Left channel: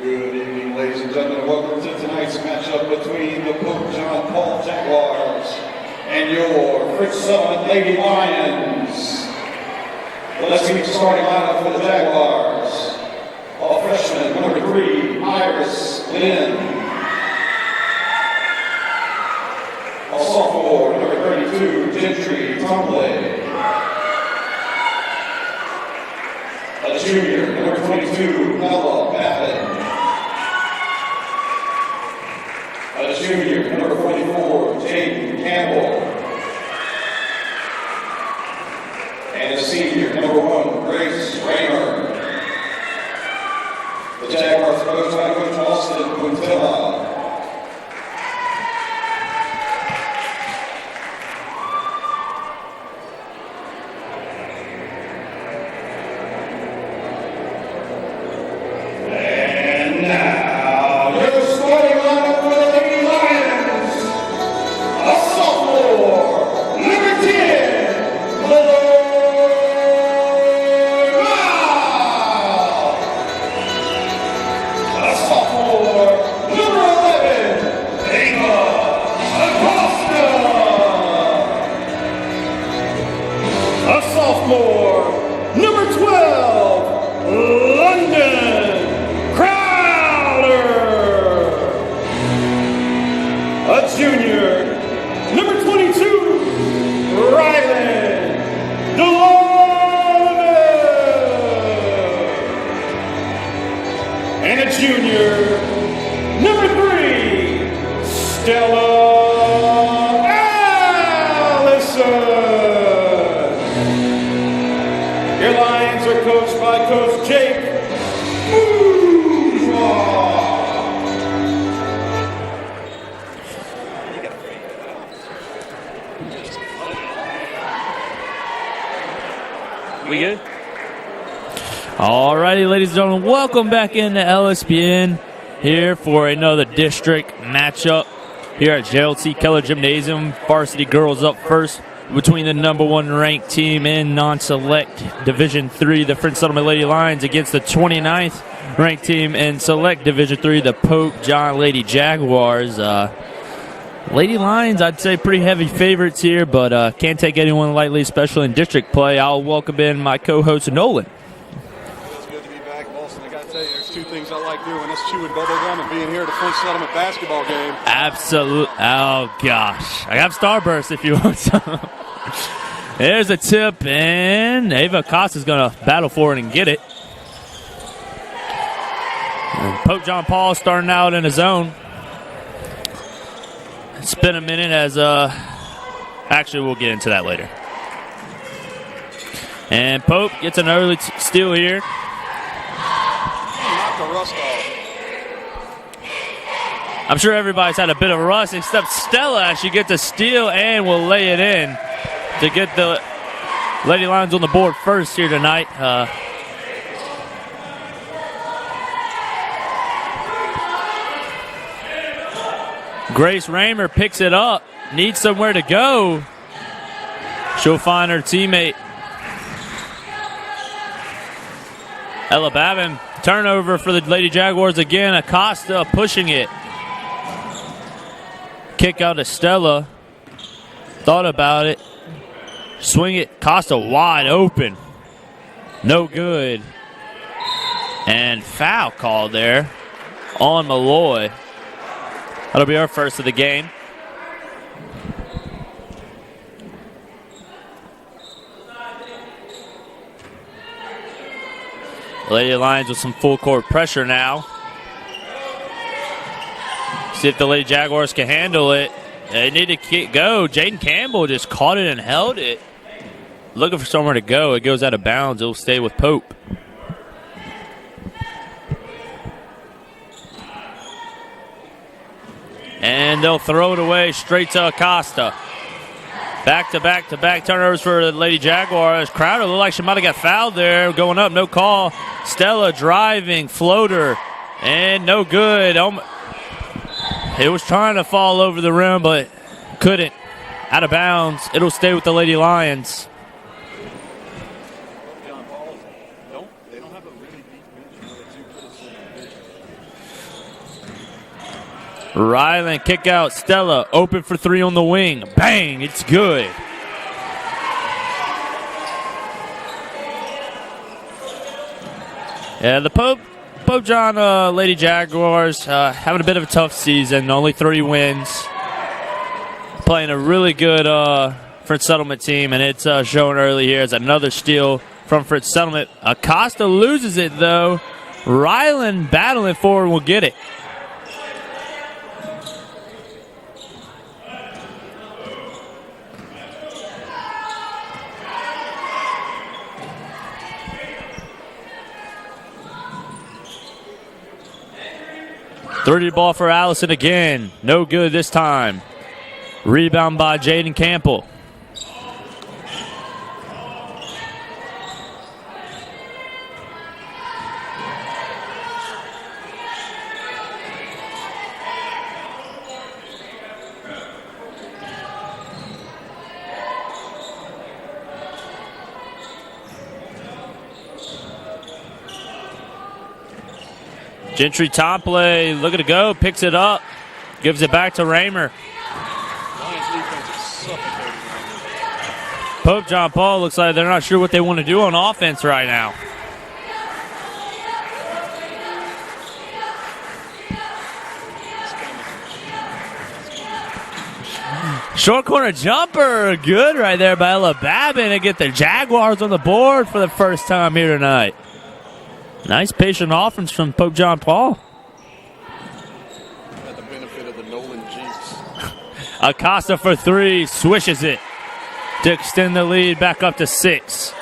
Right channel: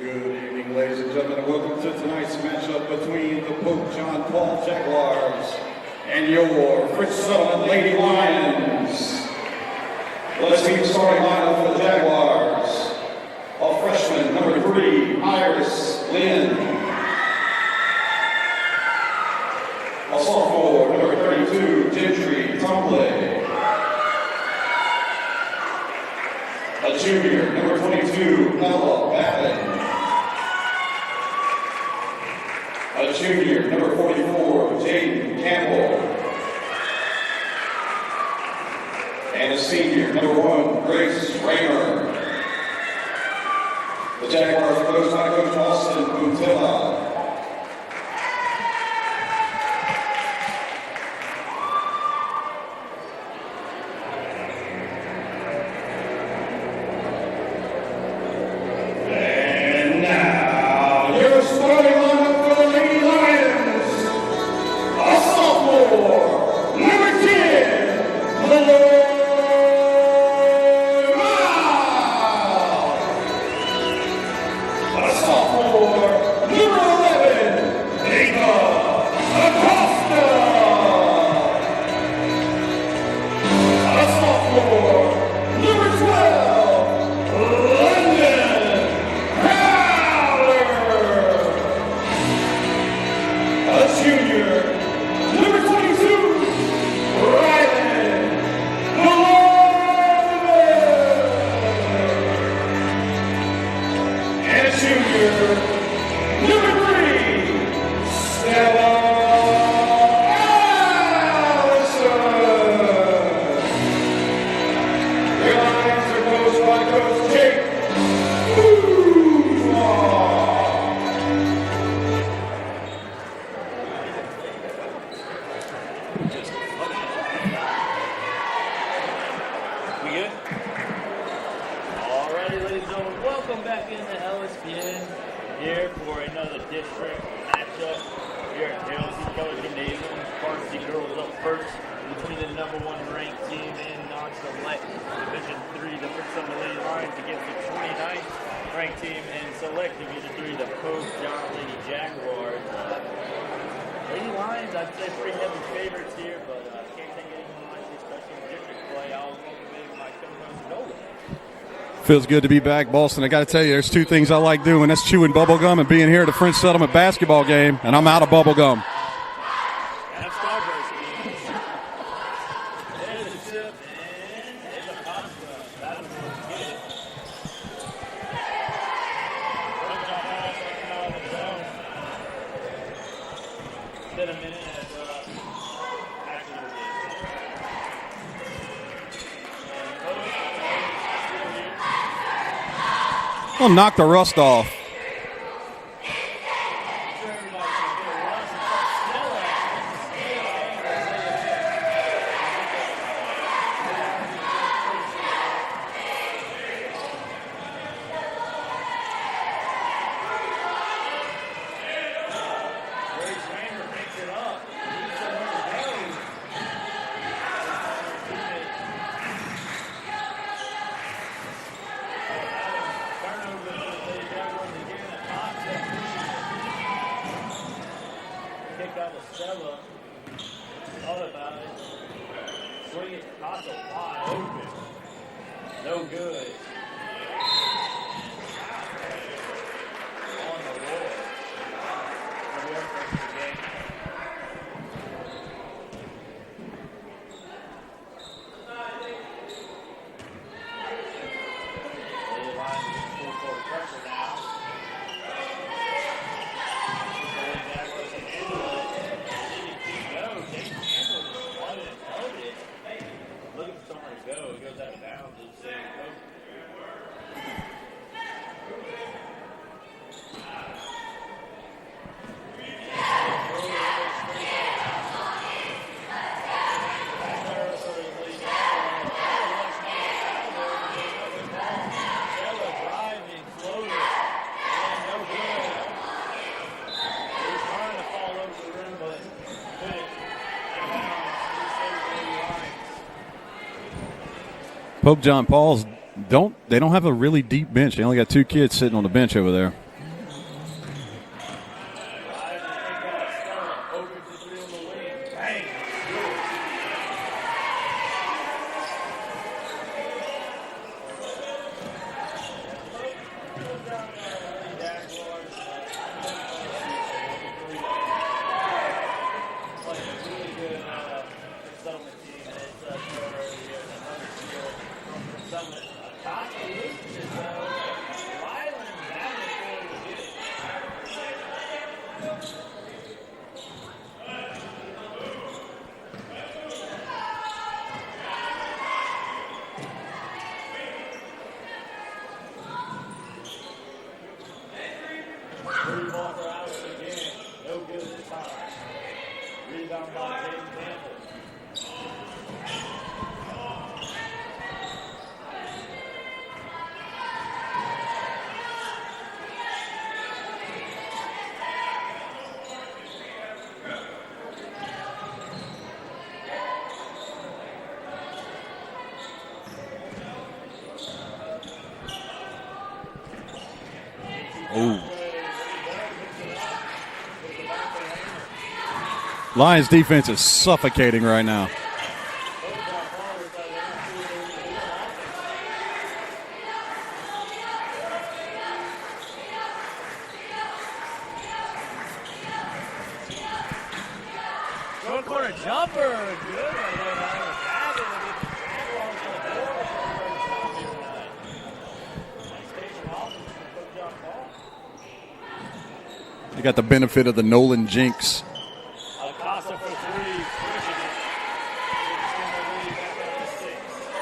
Good evening, ladies and gentlemen, and welcome to tonight's matchup between the Pope John Paul Jaguars and your Fritz Sutherland Lady Lions. Let's meet the starting lineup for the Jaguars. A freshman, number 3, Iris Lynn. A sophomore, number 32, Gentry Tumbley. A junior, number 22, Ella Babin. A junior, number 44, Jaden Campbell. And a senior, number 1, Grace Raymer. The Jaguars coached by Coach Austin Puntilla. And now, your starting lineup for the Lady Lions. A sophomore, number 10, Malloy. Alrighty, ladies and gentlemen, welcome back into LSPN here for another district matchup here at Gerald C. Keller Gymnasium. Varsity girls up first between the number 1 ranked team in non-select Division III, the Fritz Sutherland Lady Lions, against the 29th ranked team in select Division III, the Pope John Lady Jaguars. Lady Lions, I'd say pretty heavy favorites here, but can't take anyone lightly, especially in district play. I'll welcome in my co-host, Nolan. Feels good to be back, Boston. I got to tell you, there's 2 things I like doing. That's chewing bubble gum and being here at the French Settlement basketball game, and I'm out of bubble gum. Oh, gosh. I have Starburst if you want some. There's a tip, and Ava Costa's going to battle for it and get it. And Pope John Paul starting out in his zone. It's been a minute as, actually, we'll get into that later. And Pope gets an early steal here. Well, knock the rust off. I'm sure everybody's had a bit of rust, except Stella as she gets a steal and will lay it in to get the Lady Lions on the board first here tonight. Grace Raymer picks it up, needs somewhere to go. She'll find her teammate Ella Babin. Turnover for the Lady Jaguars again. Acosta pushing it. Kick out to Stella. Thought about it. Swing it. Costa wide open. No good. And foul call there on Malloy. That'll be our first of the game. Lady Lions with some full court pressure now. See if the Lady Jaguars can handle it. They need to go. Jaden Campbell just caught it and held it. Looking for somewhere to go. It goes out of bounds. It'll stay with Pope. And they'll throw it away straight to Acosta. Back-to-back turnovers for the Lady Jaguars. Crowder looked like she might have got fouled there. Going up, no call. Stella driving, floater, and no good. It was trying to fall over the rim, but couldn't. Out of bounds. It'll stay with the Lady Lions. Pope John Paul's don't have a really deep bench. They only got 2 kids sitting on the bench over there. Ryland kick out. Stella open for three on the wing. Bang, it's good. Yeah, the Pope John Lady Jaguars having a bit of a tough season. Only 3 wins. Playing a really good Fritz Settlement team, and it's showing early here as another steal from Fritz Settlement. Acosta loses it, though. Ryland battling forward will get it. Dirty ball for Allison again. No good this time. Rebound by Jaden Campbell. Gentry top play, looking to go, picks it up, gives it back to Raymer. Lions defense is suffocating right now. Pope John Paul looks like they're not sure what they want to do on offense right now. Short corner jumper, good right there by Ella Babin to get the Jaguars on the board for the first time here tonight. Nice patient offense from Pope John Paul. You got the benefit of the Nolan jinx. Acosta for 3, swishes it to extend the lead back up to 6.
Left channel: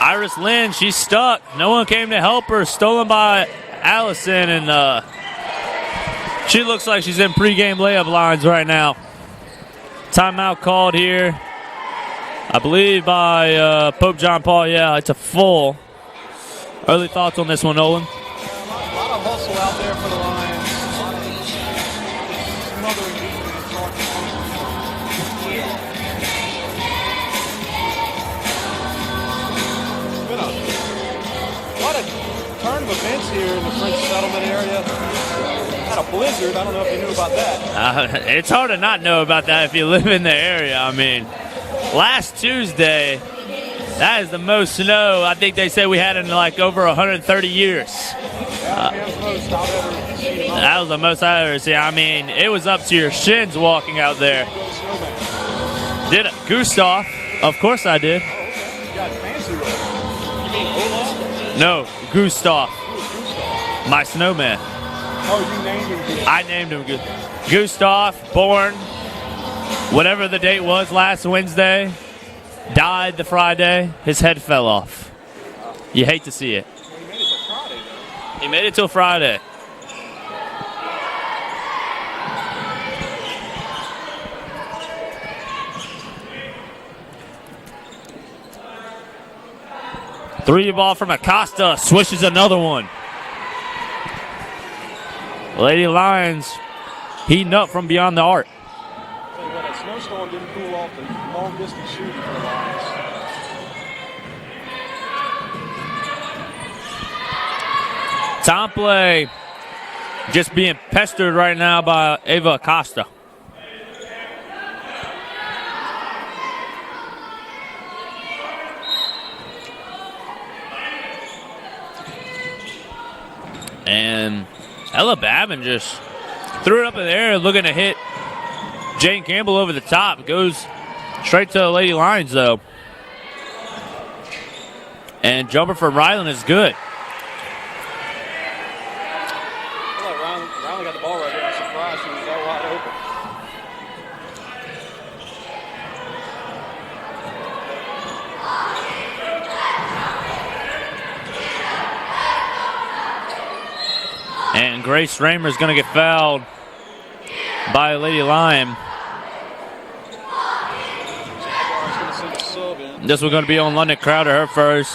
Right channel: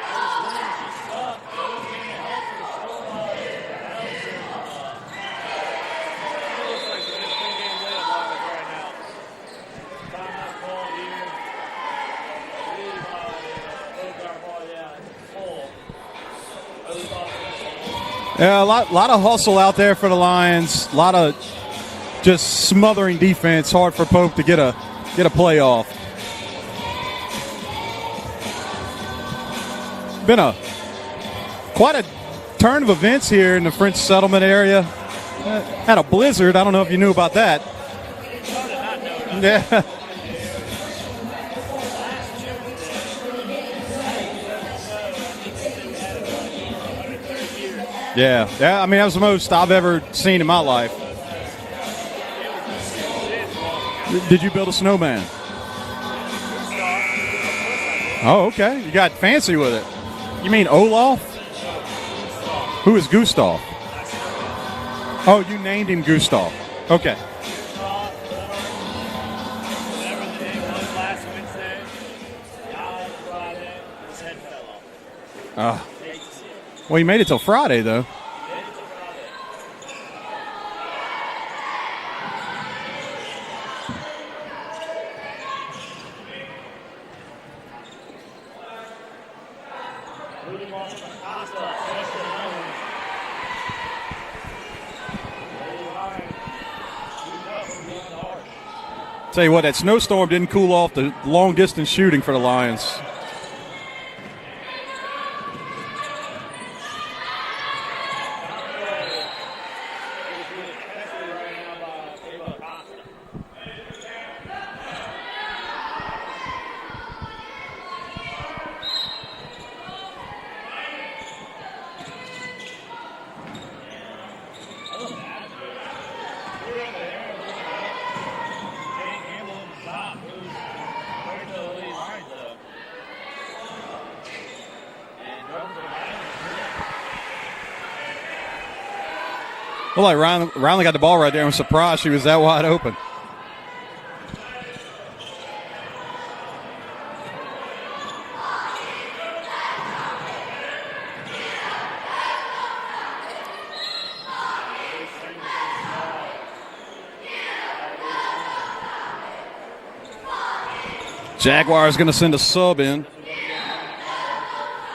Iris Lynn, she's stuck. No one came to help her. Stolen by Allison, and she looks like she's in pregame layup lines right now. Timeout called here, I believe, by Pope John Paul. Yeah, it's a full. Early thoughts on this one, Nolan? Yeah, a lot of hustle out there for the Lions. A lot of just smothering defense. Hard for Pope to get a play off. Been quite a turn of events here in the French Settlement area. Had a blizzard. I don't know if you knew about that. It's hard to not know about that if you live in the area. I mean, last Tuesday, that is the most snow I think they said we had in like over 130 years. Yeah, that was the most I've ever seen in my life. That was the most I've ever seen. I mean, it was up to your shins walking out there. Did you build a snowman? Did it. Gustav. Of course I did. Oh, okay. You got fancy with it. You mean Olaf? No, Gustav. Who is Gustav? My snowman. Oh, you named him Gustav. I named him. Okay. Gustav, born whatever the date was last Wednesday, died the Friday. His head fell off. You hate to see it. Well, he made it till Friday, though. He made it till Friday. Three ball from Acosta, swishes another one. Lady Lions heating up from beyond the arc. Tell you what, that snowstorm didn't cool off the long-distance shooting for the Lions. Time play just being pestered right now by Ava Acosta. And Ella Babin just threw it up in the air looking to hit Jane Campbell over the top. Goes straight to the Lady Lions, though. And jumper for Ryland is good. Well, like Ryland got the ball right there. I'm surprised she was that wide open. And Grace Raymer is going to get fouled by Lady Lion. Jaguars going to send a sub in. This was going to be on London Crowder, her first.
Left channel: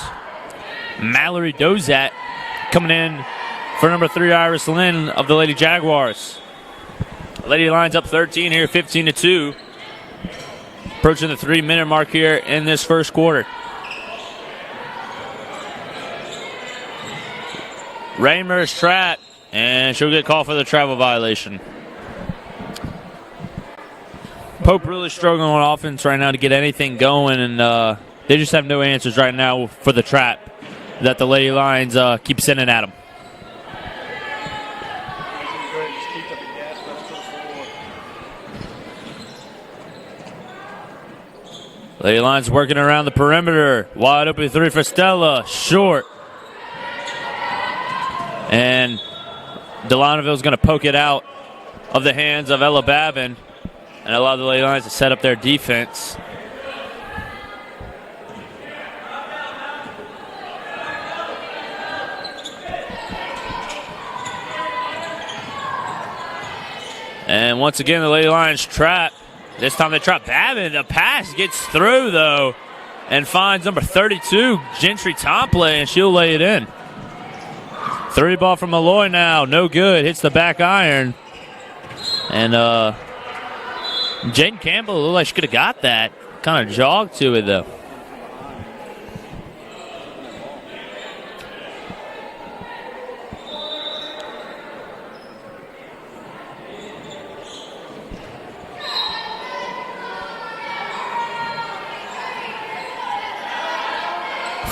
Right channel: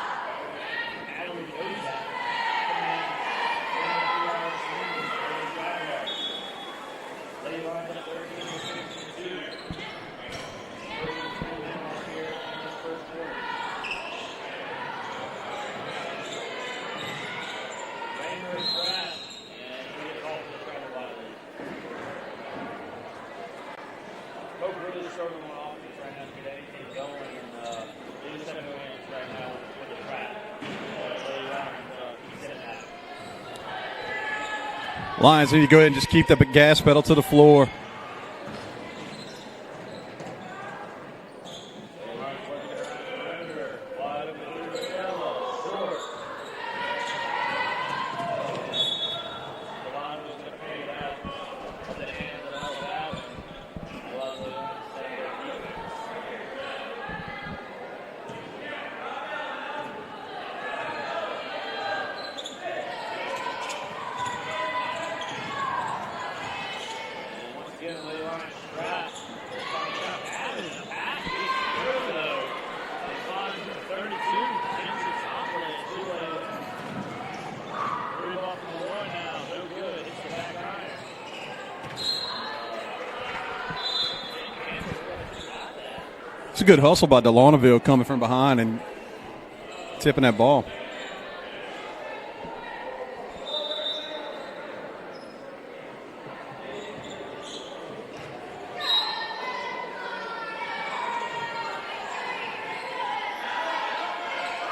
Mallory Dozat coming in for number 3, Iris Lynn of the Lady Jaguars. Lady Lions up 13 here, 15-2. Approaching the 3-minute mark here in this first quarter. Raymer's trapped, and she'll get called for the travel violation. Pope really struggling on offense right now to get anything going, and they just have no answers right now for the trap that the Lady Lions keep sending at them. Lions need to go ahead and just keep the gas pedal to the floor. Lady Lions working around the perimeter. Wide open three for Stella. Short. And Delanouville's going to poke it out of the hands of Ella Babin and allow the Lady Lions to set up their defense. And once again, the Lady Lions trap. This time they trap Babin. The pass gets through, though, and finds number 32, Gentry Tomplay, and she'll lay it in. 3 ball from Malloy now. No good. Hits the back iron. And Jaden Campbell looked like she could have got that. Kind of good hustle jogged by to it, Delanouville coming from behind and tipping that ball.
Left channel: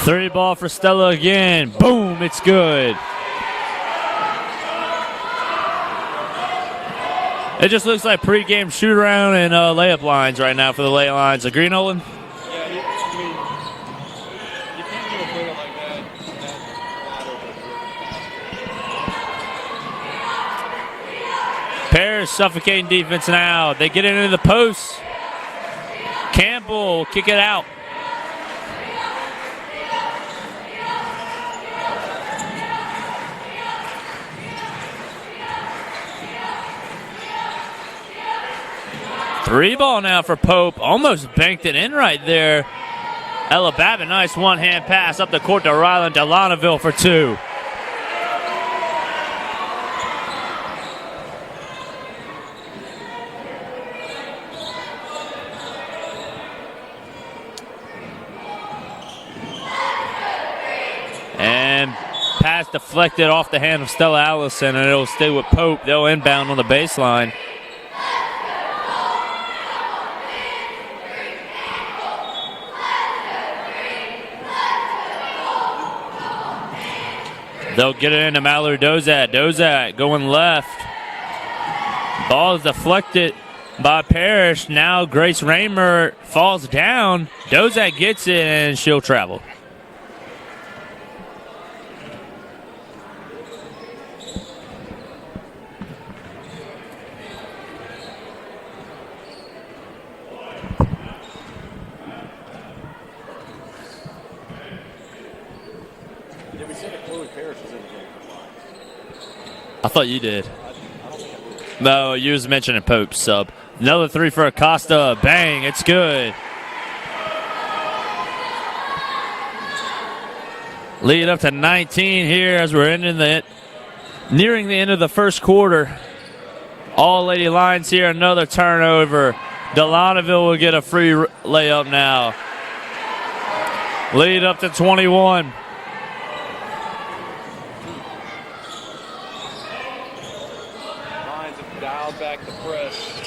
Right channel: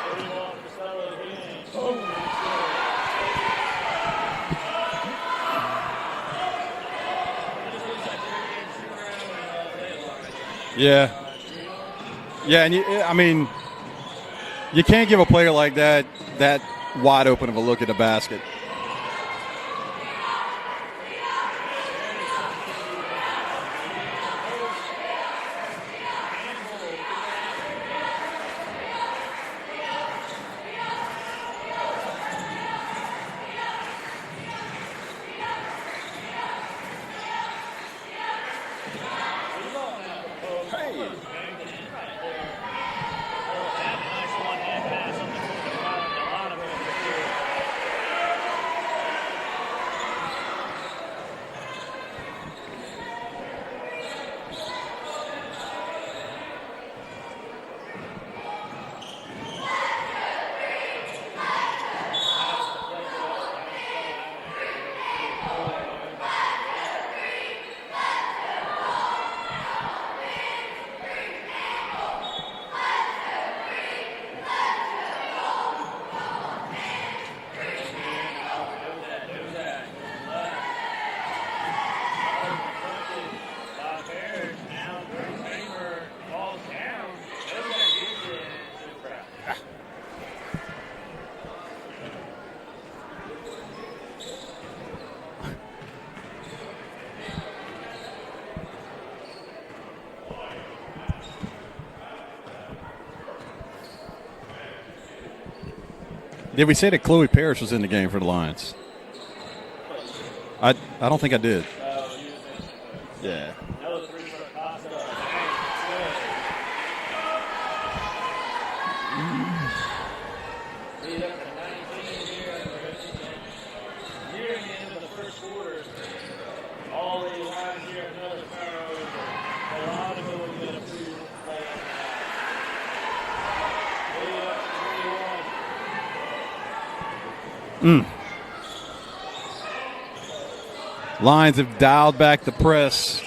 Three ball for Stella again. Boom, it's good. It just looks like pregame shoot-around and layup lines right now for the Lady Lions. Agree, Nolan? Yeah, and you can't give a player like that wide open of a look at the basket. Parrish suffocating defense now. They get into the post. Campbell kick it out. Three ball now for Pope. Almost banked it in right there. Ella Babin, nice one-hand pass up the court to Ryland Delanouville for 2. And pass deflected off the hand of Stella Allison, and it'll stay with Pope. They'll inbound on the baseline. They'll get it into Mallory Dozat. Dozat going left. Ball is deflected by Parrish. Now Grace Raymer falls down. Dozat gets it, and she'll travel. Did we say that Chloe Parrish was in the game for the Lions? I thought you did. I don't think I did. No, you was mentioning Pope's sub. Another three for Acosta. Bang, it's good. Lead up to 19 here as we're nearing the end of the first quarter. All Lady Lions here, another turnover. Delanouville will get a free layup now. Lead up to 21. Lions have dialed back the press.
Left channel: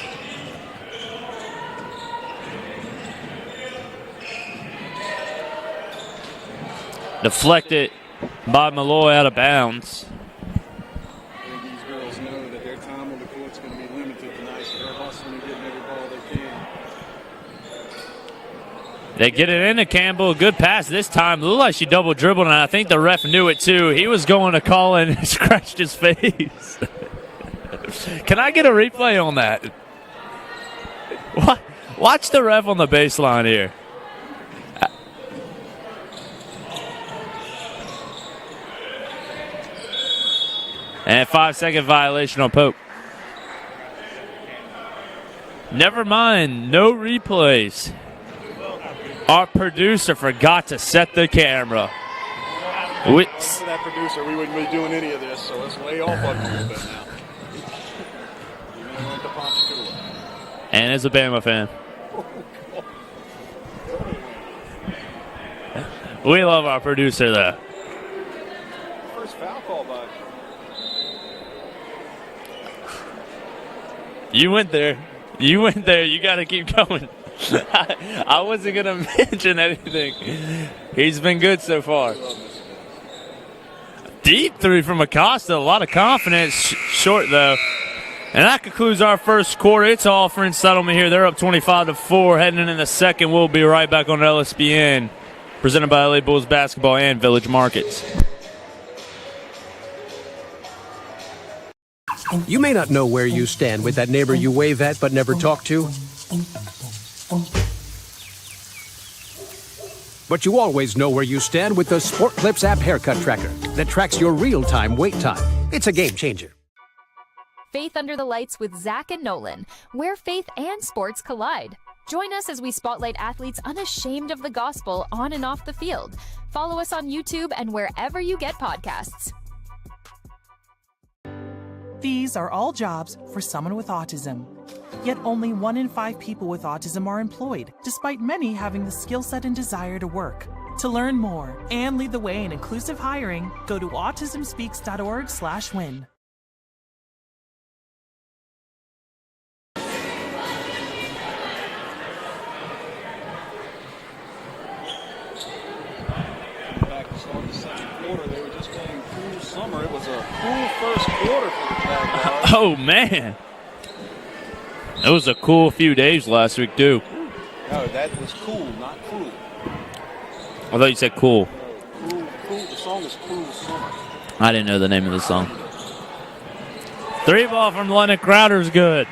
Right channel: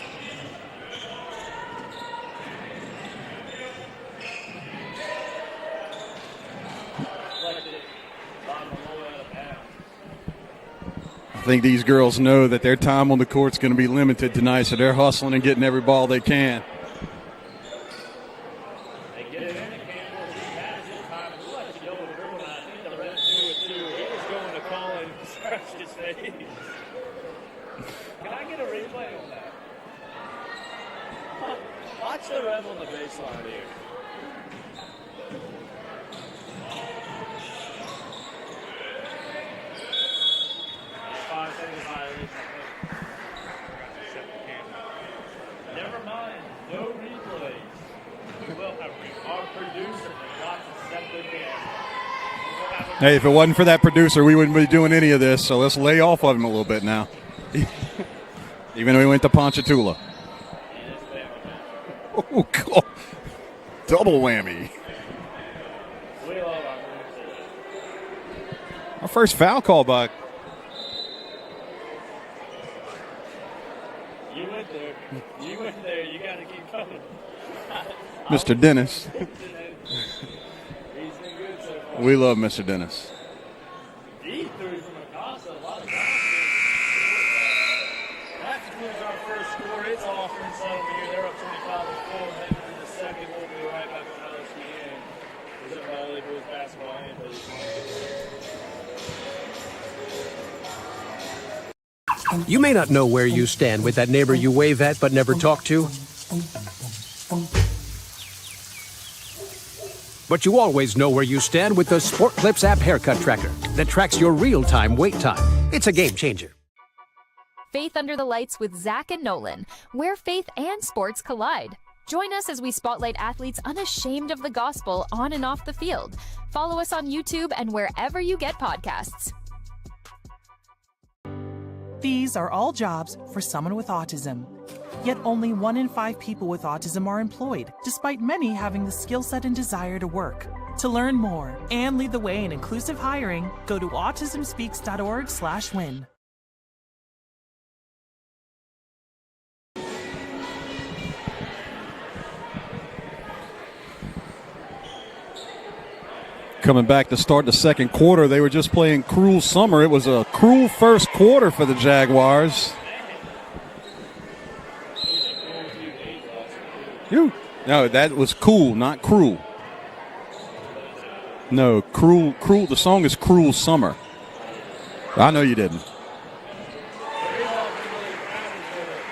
Deflected by Malloy out of bounds. I think these girls know that their time on the court is going to be limited tonight, so they're hustling and getting every ball they can. They get it into Campbell. Good pass this time. Looked like she double dribbled, and I think the ref knew it too. He was going to call and scratched his face. Can I get a replay on that? Watch the ref on the baseline here. And 5-second violation on Pope. Never mind, no replays. Our producer forgot to set the camera. Hey, if it wasn't for that producer, we wouldn't be doing any of this, so let's lay off of him a little bit now. Even though he went to Ponchatoula. And is a Bama fan. Oh, God. Double whammy. We love our producer, though. Our first foul call by. You went there. You went there. You got to keep going. I wasn't going to mention anything. He's been good so far. We love Mr. Dennis. Deep three from Acosta. A lot of confidence. Short, though. And that concludes our first quarter. It's all French Settlement here. They're up 25-4. Heading into the second, we'll be right back on LSPN. Presented by LA Bulls Basketball and Village Markets. You may not know where you stand with that neighbor you wave at but never talk to. But you always know where you stand with the Sport Clips app haircut tracker that tracks your real-time wait time. It's a game changer. Faith Under the Lights with Zach and Nolan, where faith and sports collide. Join us as we spotlight athletes unashamed of the gospel on and off the field. Follow us on YouTube and wherever you get podcasts. These are all jobs for someone with autism. Yet only 1 in 5 people with autism are employed, despite many having the skill set and desire to work. To learn more and lead the way in inclusive hiring, go to autismspeaks.org/win. Coming back to start the second quarter, they were just playing Cruel Summer. It was a cruel first quarter for the Jaguars. Oh, man. It was a cool few days last week, too. No, that was cool, not cruel. I thought you said cool. No, cruel. The song is Cruel Summer. I didn't know the name of the song. I know you didn't. 3 ball from Lennon Crowder's good.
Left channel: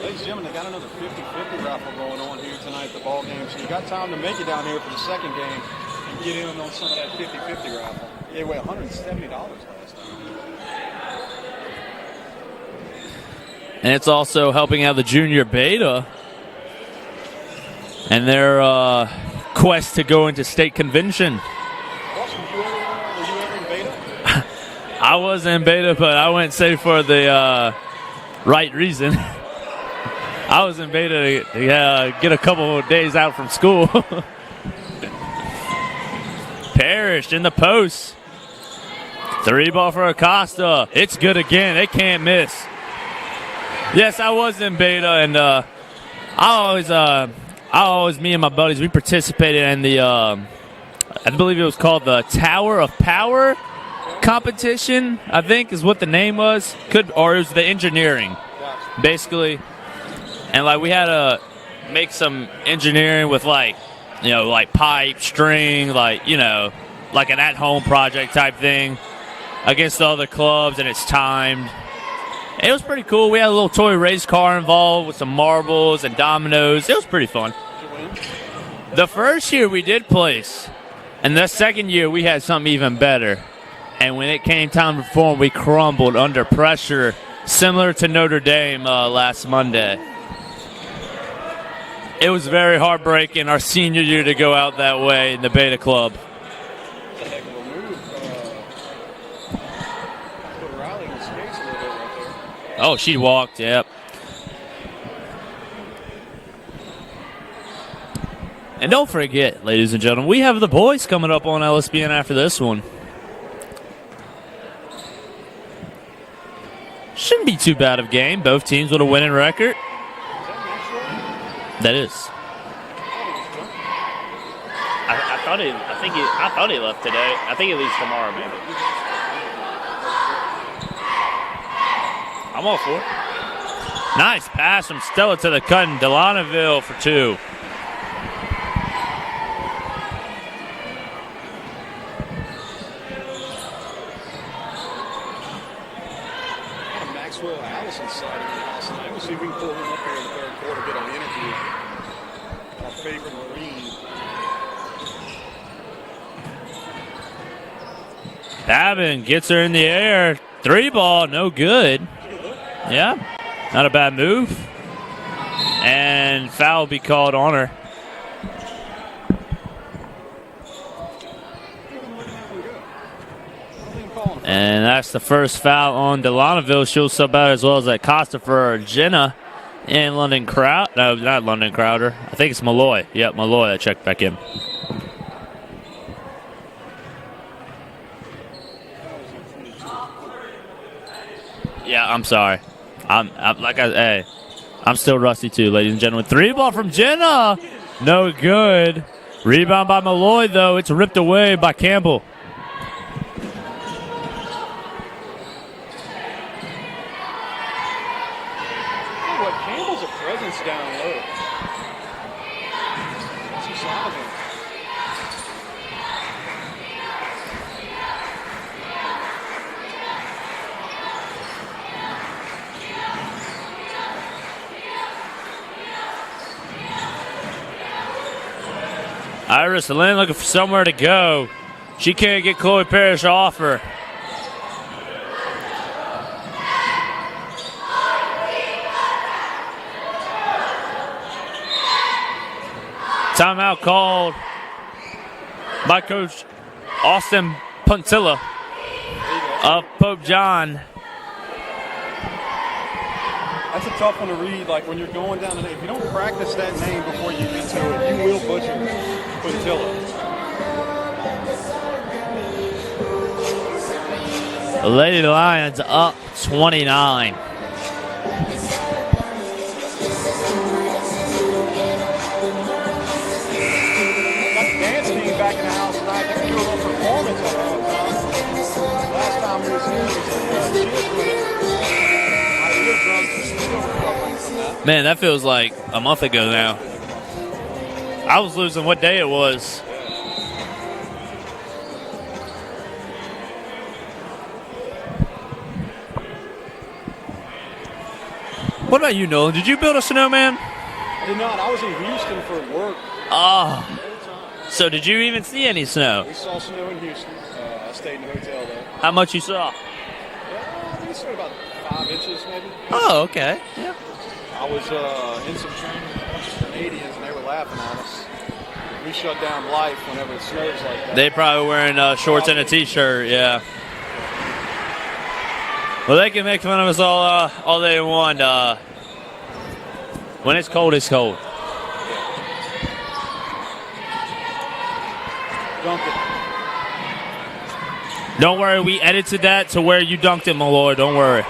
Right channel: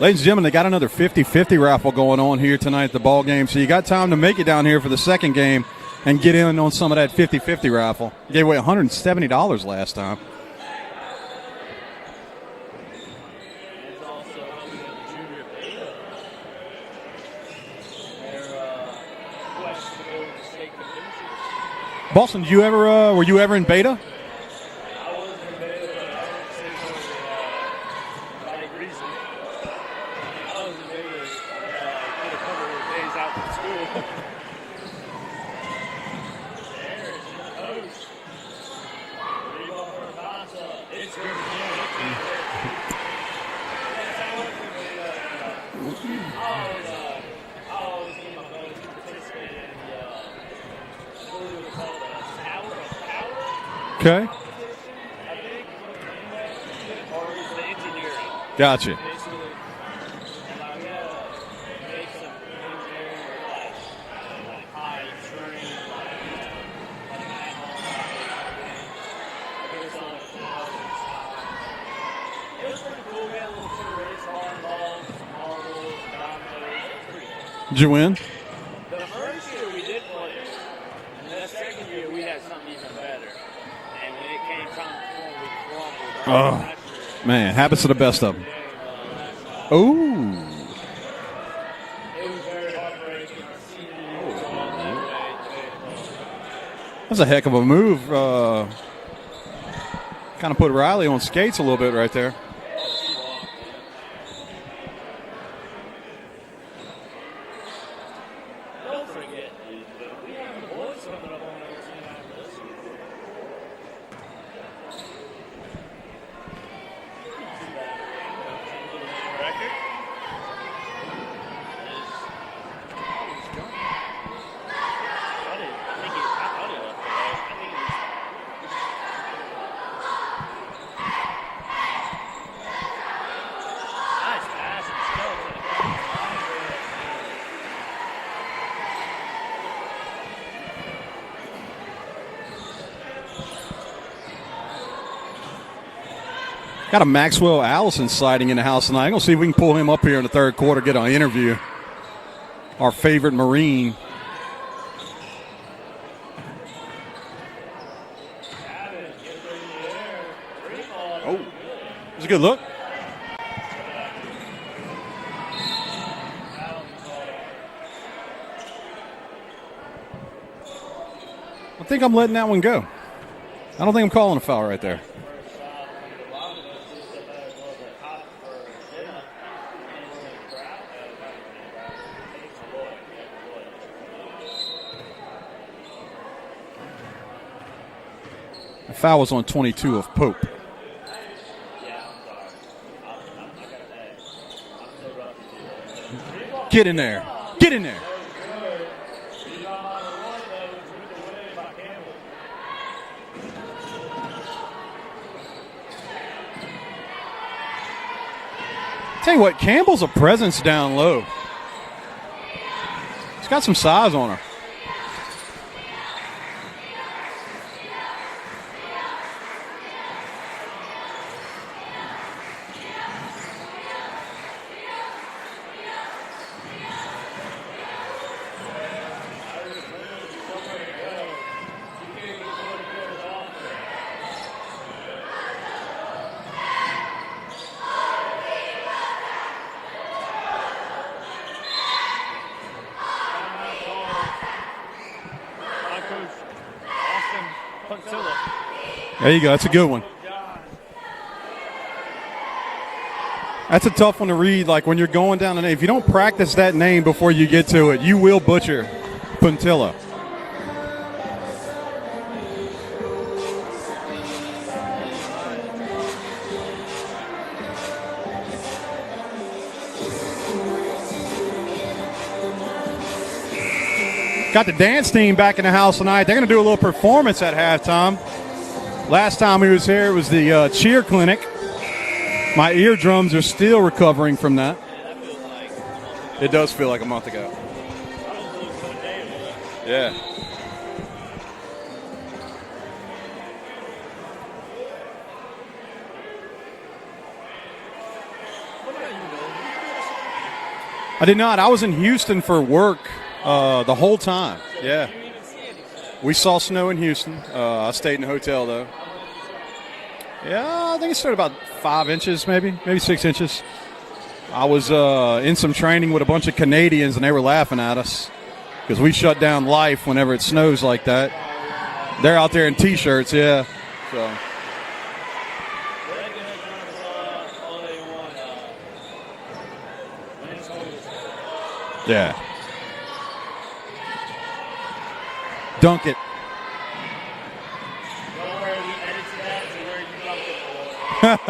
Ladies and gentlemen, they got another 50-50 raffle going on here tonight at the ball game, so you got time to make it down here for the second game and get in on some of that 50-50 raffle. Gave away $170 last time. And it's also helping out the junior beta and their quest to go into state convention. Boston, were you ever in beta? I was in beta, but I went safe for the right reason. I was in beta to get a couple of days out from school. Parrish in the post. 3 ball for Acosta. It's good again. They can't miss. Yes, I was in beta, and I always, me and my buddies, we participated in the, I believe it was called the Tower of Power competition, I think is what the name was. Or it was the engineering. Gotcha. Basically. And, we had to make some engineering with, like pipe, string, like an at-home project type thing against all the clubs, and it's timed. It was pretty cool. We had a little toy race car involved with some marbles and dominoes. It was pretty fun. Did you win? The first year we did place, and the second year we had something even better. And when it came time to perform, we crumbled under pressure, similar to Notre Dame last Monday. Ooh. It was very heartbreaking our senior year to go out that way in the Beta Club. That was a heck of a move. Kind of put Riley on skates a little bit right there. Oh, she walked, yep. And don't forget, ladies and gentlemen, we have the boys coming up on LSPN after this one. Shouldn't be too bad of a game. Both teams with a winning record. That is. I thought he left today. I think he leaves tomorrow, maybe. I'm all for it. Nice pass from Stella to the cut, and Delanouville for 2. Got a Maxwell Allison sighting in the house tonight. I'm going to see if we can pull him up here in the third quarter, get an interview. Our favorite Marine. Babin gets her in the air. 3 ball, no good. It's a good look. Yeah, not a bad move. And foul be called on her. I think I'm letting that one go. I don't think I'm calling a foul. And that's the first foul on Delanouville. She'll sub out as well as that Costa for Jenna. And London Crowder. No, not London Crowder. I think it's Malloy. Yep, Malloy that checked back in. The foul was on 22 of Pope. Yeah, I'm sorry. I'm still rusty too, ladies and gentlemen. 3 ball from Jenna. Get in there. No good. Rebound by Malloy, though. It's ripped away by Campbell. Tell you what, Campbell's a presence down low. He's got some size on her. Iris Lynn looking for somewhere to go. She can't get Chloe Parrish off her. Timeout called by Coach Austin Puntilla. There you go. That's a good one. Pope John. That's a tough one to read. Like when you're going down the name, if you don't practice that name before you get to it, you will butcher Puntilla. The Lady Lions up 29. Got the dance team back in the house tonight. They're going to do a little performance at halftime. Last time we was here, it was the cheer clinic. My eardrums are still recovering from that. Man, that feels like a month ago now. It does feel like a month ago. I was losing what day it was. Yeah. What about you, Nolan? Did you build a snowman? I did not. I was in Houston for work the whole time. So did you even see any snow? We saw snow in Houston. I stayed in a hotel, though. How much you saw? Yeah, I think it started about 5 inches, maybe 6 okay. inches. Yeah. I was in some training with a bunch of Canadians, and they were laughing at us because we shut down life whenever it snows like that. They probably wearing shorts They're out and there a in T-shirts, yeah. So. Well, they can make fun of us all they want. When it's cold, it's cold. Yeah. Dunk it. Don't worry, we edited that to where you dunked it, Malloy. Don't worry.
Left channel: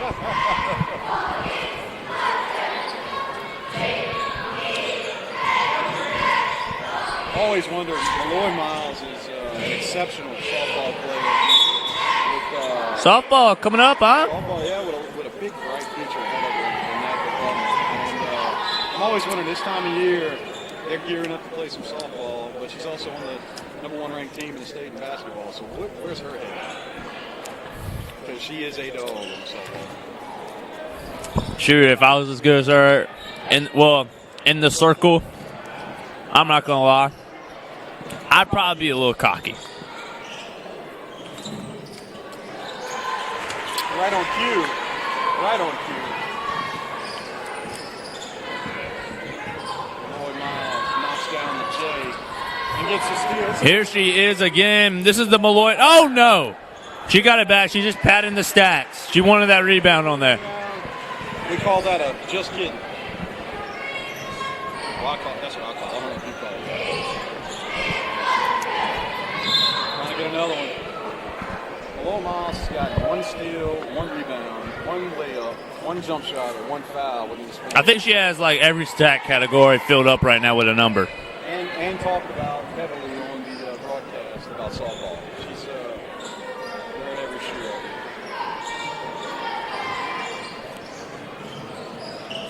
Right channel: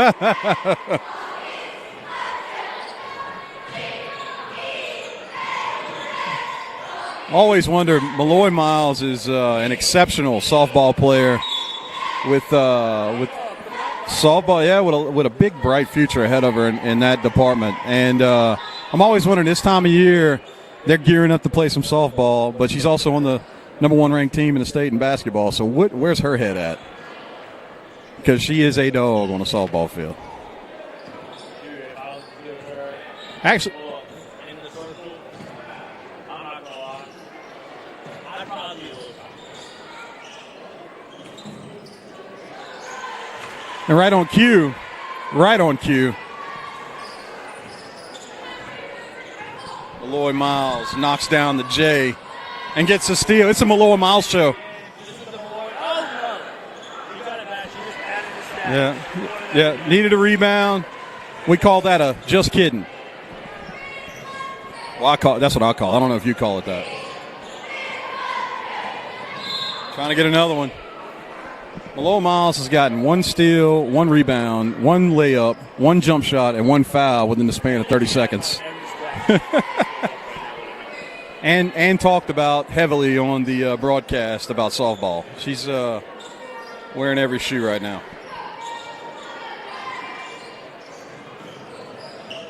Always wondered, Malloy Miles is an exceptional softball player. With softball coming up, huh? Softball, yeah, with a big, bright future ahead of her in that department. And I'm always wondering, this time of year, they're gearing up to play some softball, but she's also on the #1 ranked team in the state in basketball. So where's her head at? Because she is a dog on the softball field. Shoot, if I was as good as her, in the circle, I'm not going to lie, I'd probably be a little cocky. And right on cue. Malloy Miles knocks down the J and gets a steal. It's a Malloy Miles show. Again. This is the Malloy. Oh, no. She got it back. She just padded the stats. Yeah. She wanted that rebound. Needed a rebound. We call that a just kidding. Well, that's what I call it. I don't know if you call it that. Trying to get another one. Malloy Miles has gotten 1 steal, 1 rebound, 1 layup, 1 jump shot, and 1 foul within the span of 30 seconds. I think she has like every stat category filled up right now with a number. And talked about heavily on the broadcast about softball. She's wearing every shoe right now.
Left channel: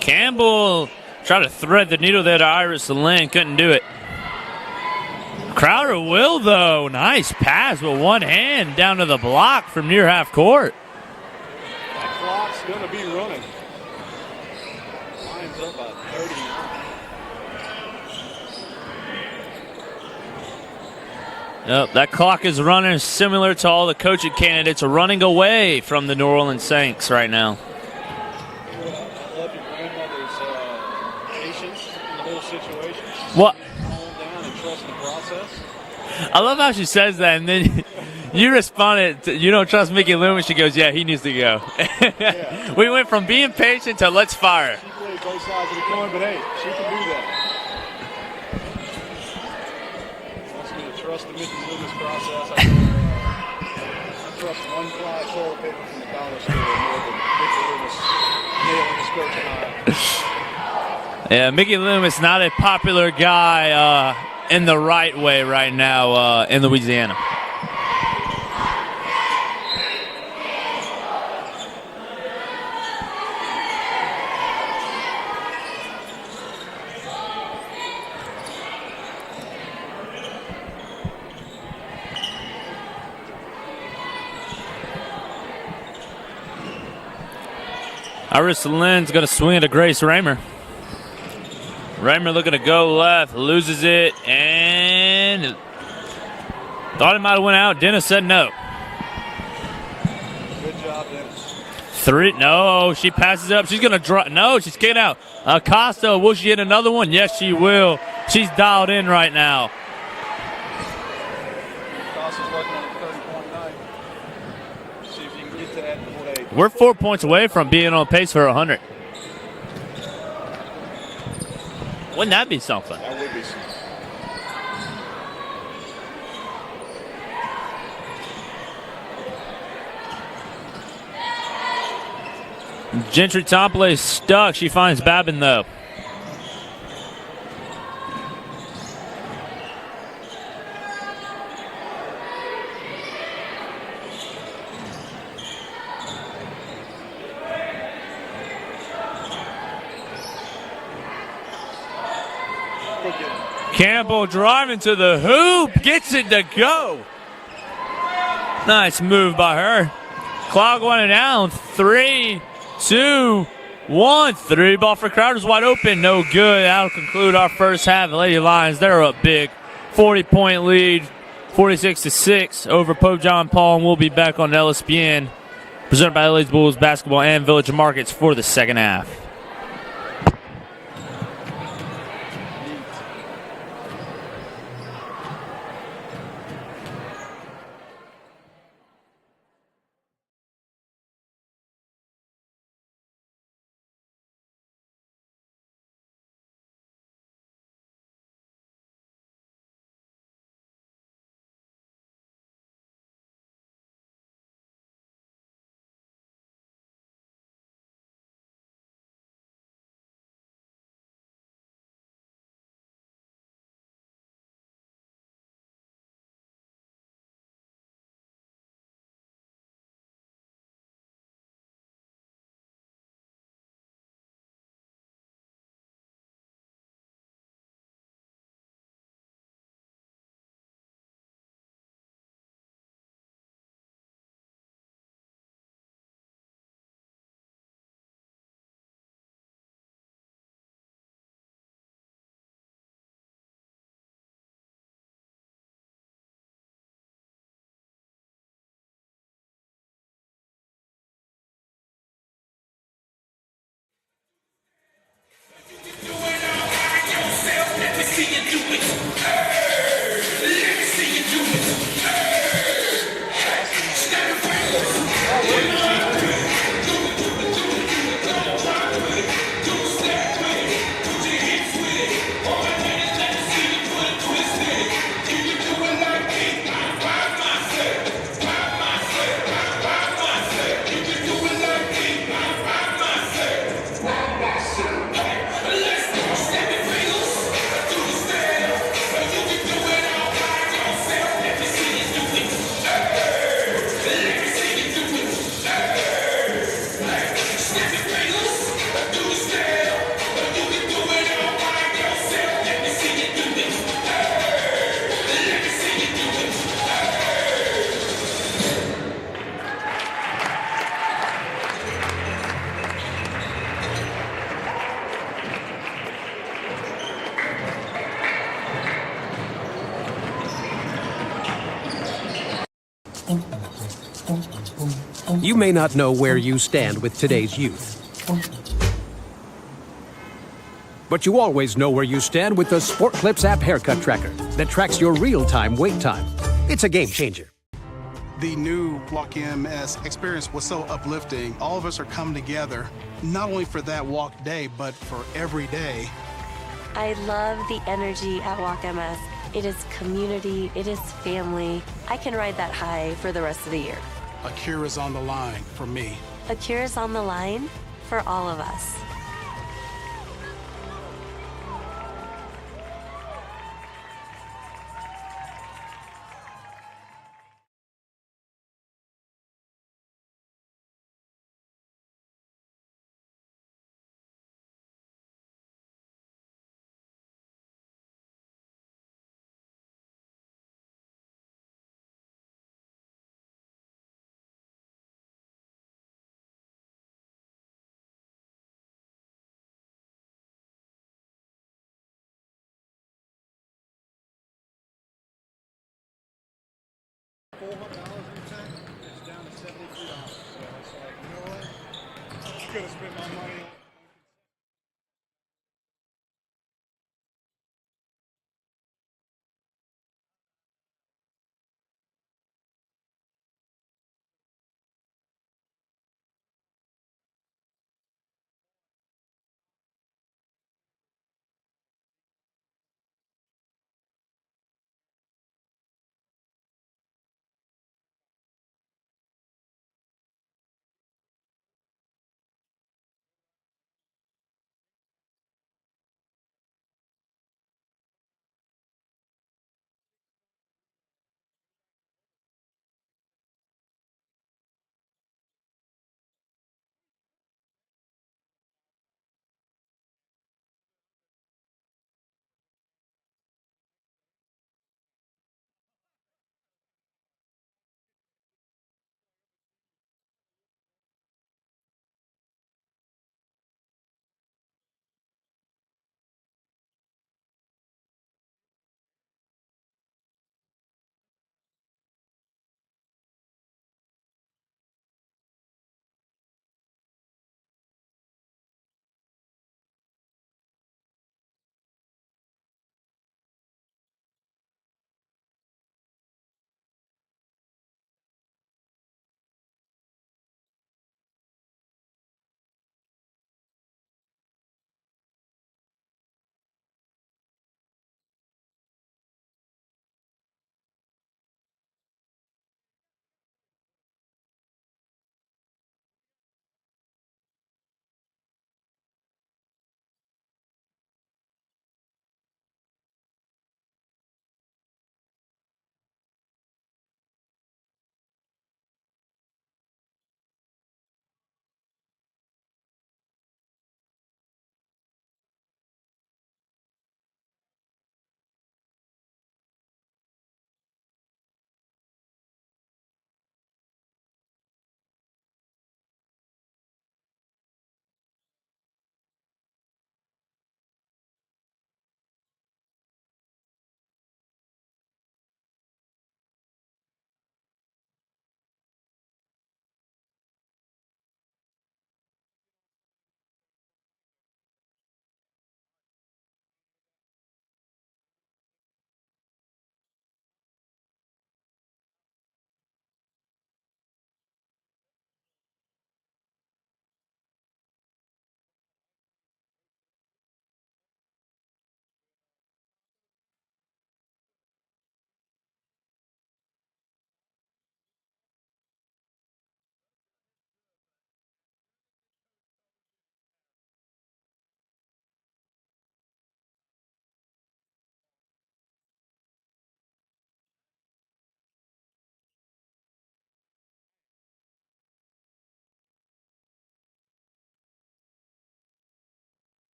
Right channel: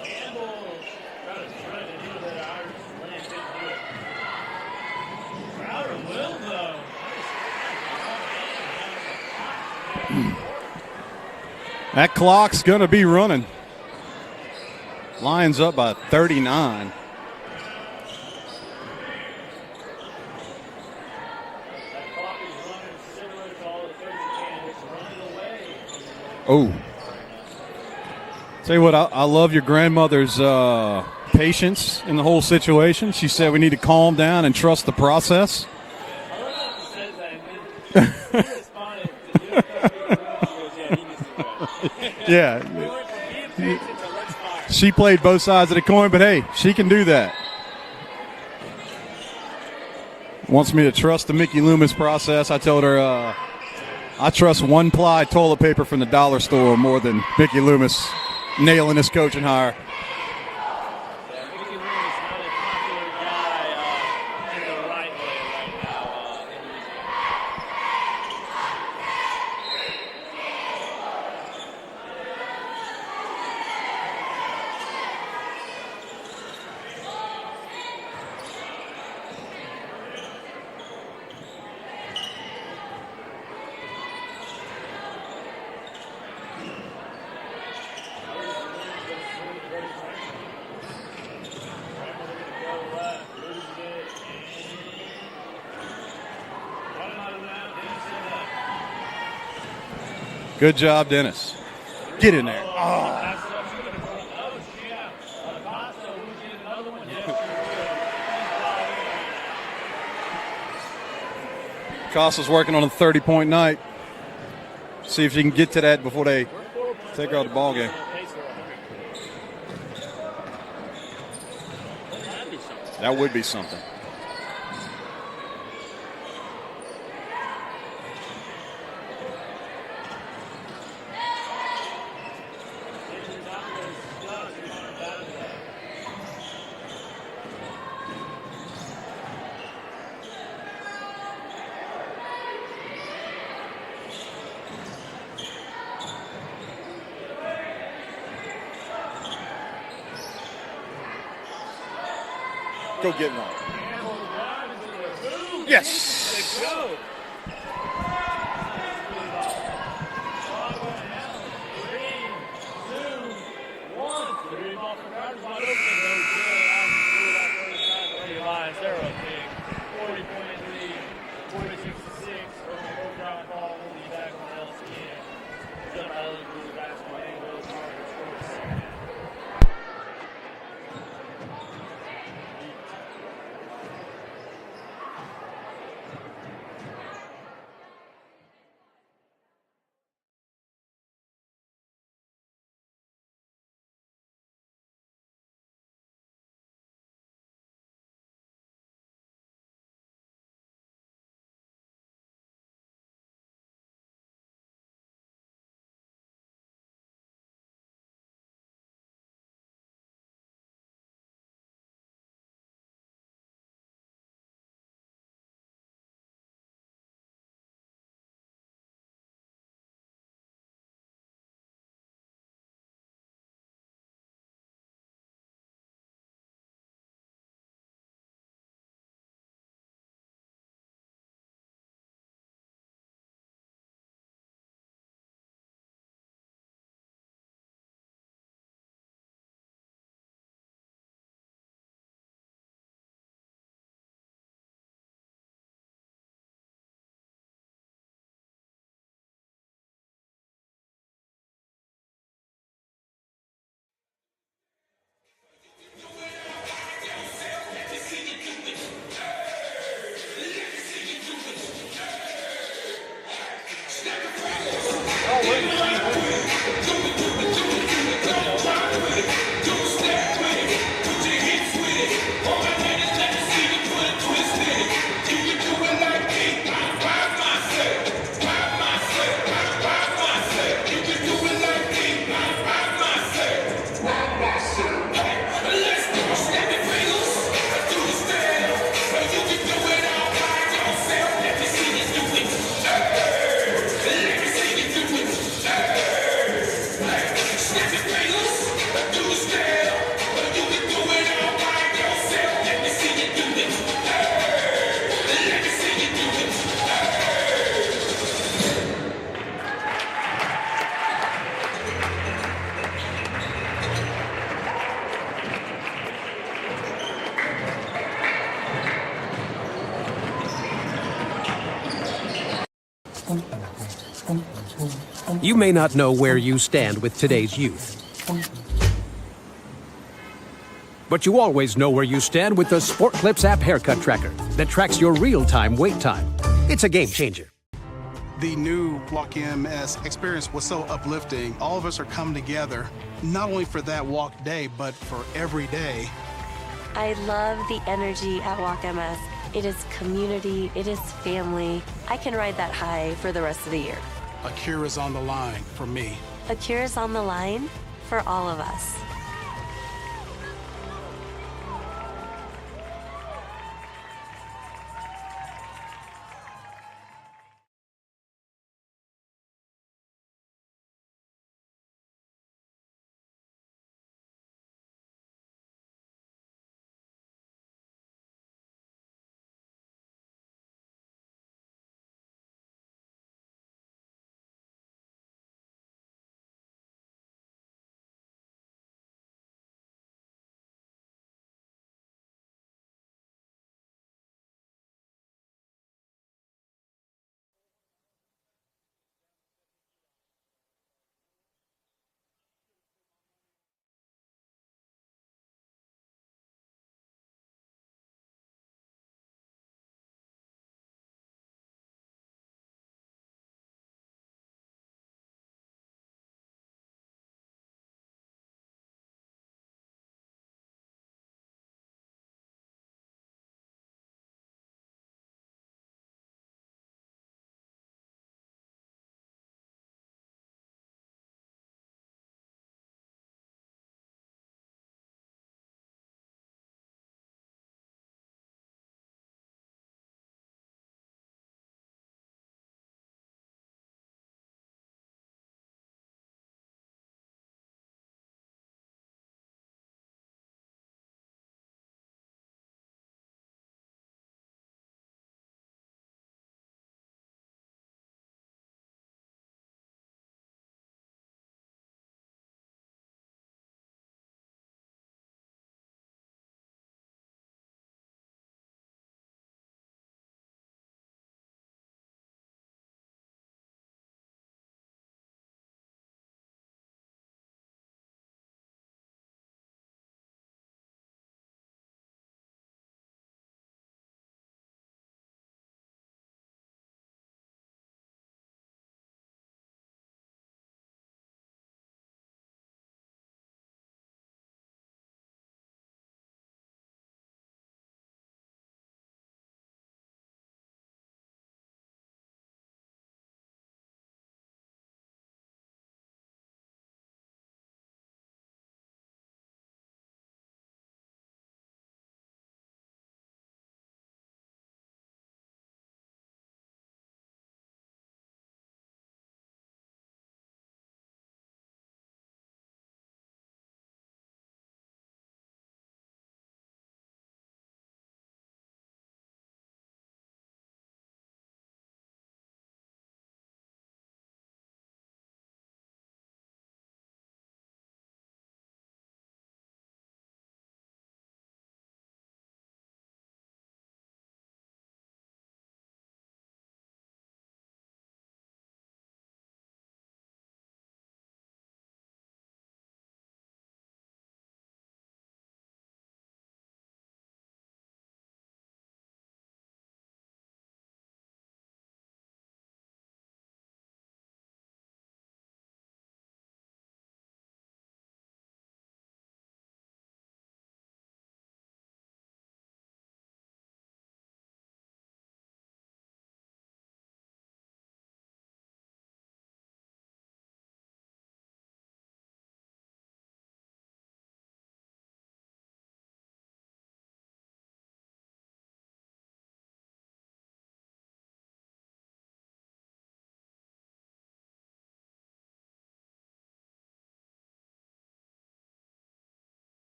Campbell tried to thread the needle there to Iris Lynn. Couldn't do it. Crowder will, though. Nice pass with one hand down to the block from near half court. That clock's going to be running. Lions up by 39. Yep, that clock is running similar to all the coaching candidates are running away from the New Orleans Saints right now. Tell you what, I love your grandmother's patience in the whole situation. She said we need to calm down and trust the process. I love how she says that, and then You responded, you don't trust Mickey Loomis. She goes, yeah, he needs to go. Yeah. We went from being patient to let's fire. She played both sides of the coin, but hey, she can do that. Wants me to trust the Mickey Loomis process. I told her I trust one-ply toilet paper from the dollar store more than Mickey Loomis nailing his coaching hire. Yeah, Mickey Loomis, not a popular guy in the right way right now in Louisiana. Iris Lynn's going to swing it to Grace Raymer. Raymer looking to go left, loses it, and thought it might have went out. Dennis said no. Good job, Dennis. Three. No, she passes it up. She's going to drop. No, she's kicking out. Acosta, will she hit another one? Yes, she will. She's dialed in right now. Acosta's working on a 30-point night. See if she can get to that before they. We're 4 points away from being on pace for 100. Wouldn't that be something? That would be something. Gentry Topley is stuck. She finds Babin though. Campbell driving to the hoop, gets it to go. Nice move by her. Clock running down. 3, 2, 1. 3 ball for Crowder's wide open. No good. That'll conclude our first half. The Lady Lions, they're up big. 40-point lead, 46-6 over Pope John Paul, and we'll be back on LSPN, presented by LA's Bulls Basketball and Village Markets for the second half. You may not know where you stand with today's youth, but you always know where you stand with the Sport Clips app haircut tracker that tracks your real-time wait time. It's a game changer. The new Walk MS experience was so uplifting. All of us are coming together, not only for that walk day, but for every day. I love the energy at Walk MS. It is community, it is family. I can ride that high for the rest of the year. A cure is on the line for me. A cure is on the line for all of us. $400 it's down to $73. So it's like, you know what? I could have spent my money on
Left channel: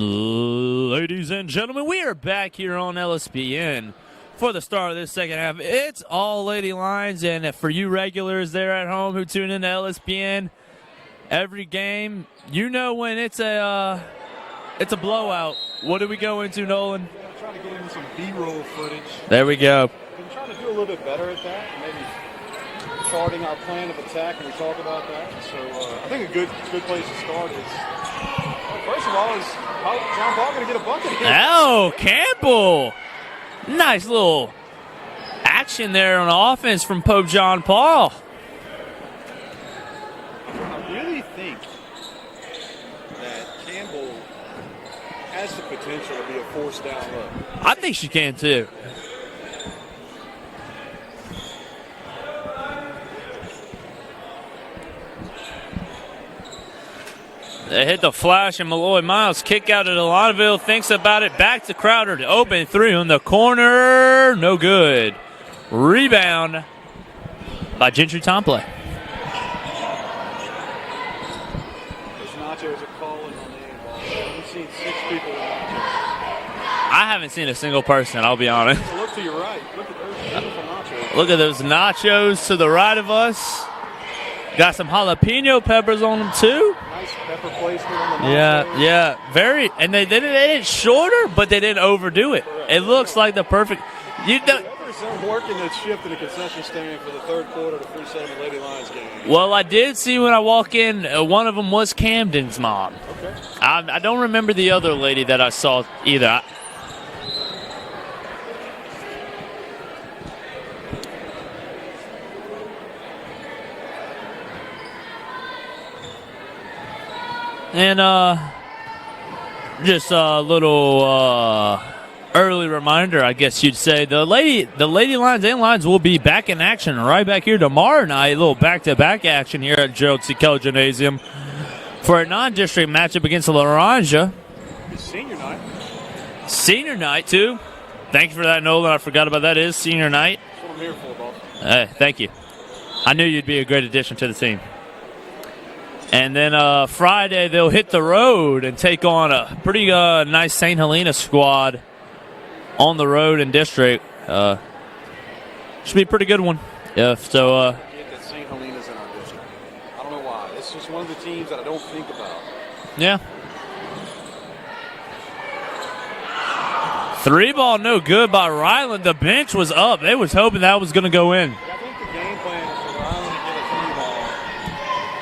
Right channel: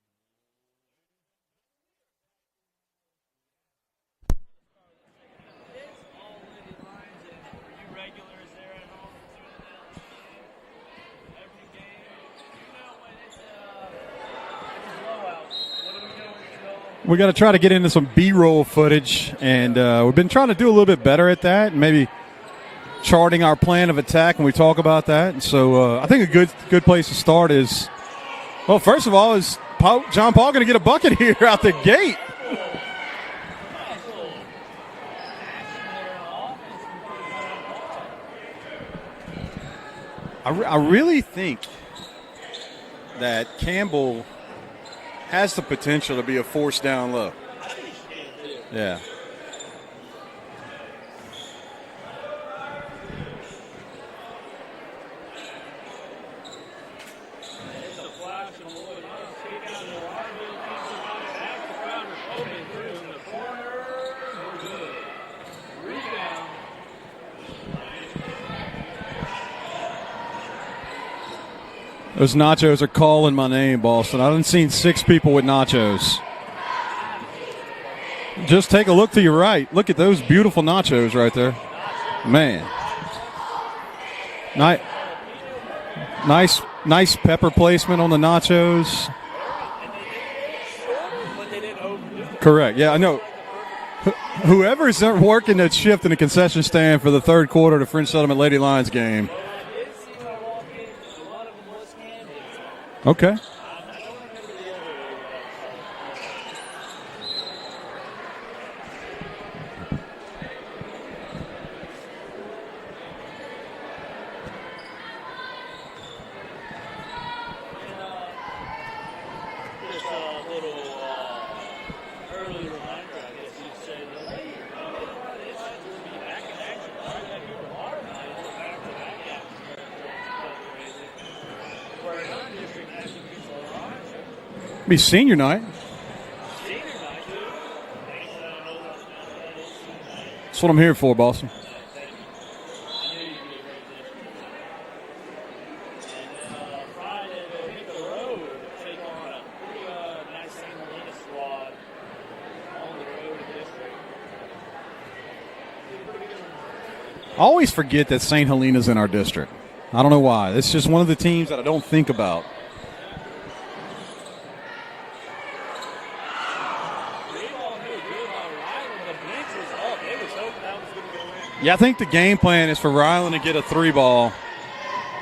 Ladies and gentlemen, we are back here on LSPN for the start of this second half. It's all Lady Lions, and for you regulars there at home who tune into LSPN every game, you know when it's a blowout. What do we go into, Nolan? We got to try to get into some B-roll footage. There we go. We've been trying to do a little bit better at that, maybe charting our plan of attack when we talk about that. And so I think a good place to start is, well, first of all, is John Paul going to get a bucket here out the gate? Campbell. Nice little action there on offense from Pope John Paul. I really think that Campbell has the potential to be a force down low. I think she can too. Yeah. They hit the flash, and Malloy Miles kick out at Alonville, thinks about it, back to Crowder, to open three on the corner, no good. Rebound by Gentry Tomplay. Those nachos are calling my name, Boston. I haven't seen 6 people with nachos. I haven't seen a single person, I'll be Just honest. take a look to your right. Look at those beautiful nachos Look right at there. those nachos Man. to the right of us. Got some jalapeno peppers on them too. Nice pepper placement on the nachos. Yeah, very. And they did it shorter, but they didn't overdo it. Correct. It Yeah, looks no. like the perfect. Whoever's working that shift in the concession stand for the third quarter of the French Settlement Lady Lions game. Well, I did see when I walk in, one of them was Camden's mom. Okay. I don't remember the other lady that I saw either. And just a little early reminder, I guess you'd say, the Lady Lions and Lions will be back in action right back here tomorrow night. A little back-to-back action here at Gerald C. Keller Gymnasium for a non-district matchup against Laranja. Be senior night. Senior night, too. Thank you for that, Nolan. I forgot about that. It is senior night. That's what I'm here for, Boston. Hey, thank you. I knew you'd be a great addition to the team. And then Friday, they'll hit the road and take on a pretty nice St. Helena squad on the road in district. Should be a pretty good one. Yeah, so, I always forget that St. Helena's in our district. I don't know why. It's just one of the teams that I don't think about. Yeah. 3 ball, no good by Ryland. The bench was up. They was hoping that was going to go in. Yeah, I think the game plan is for Ryland to get a 3 ball.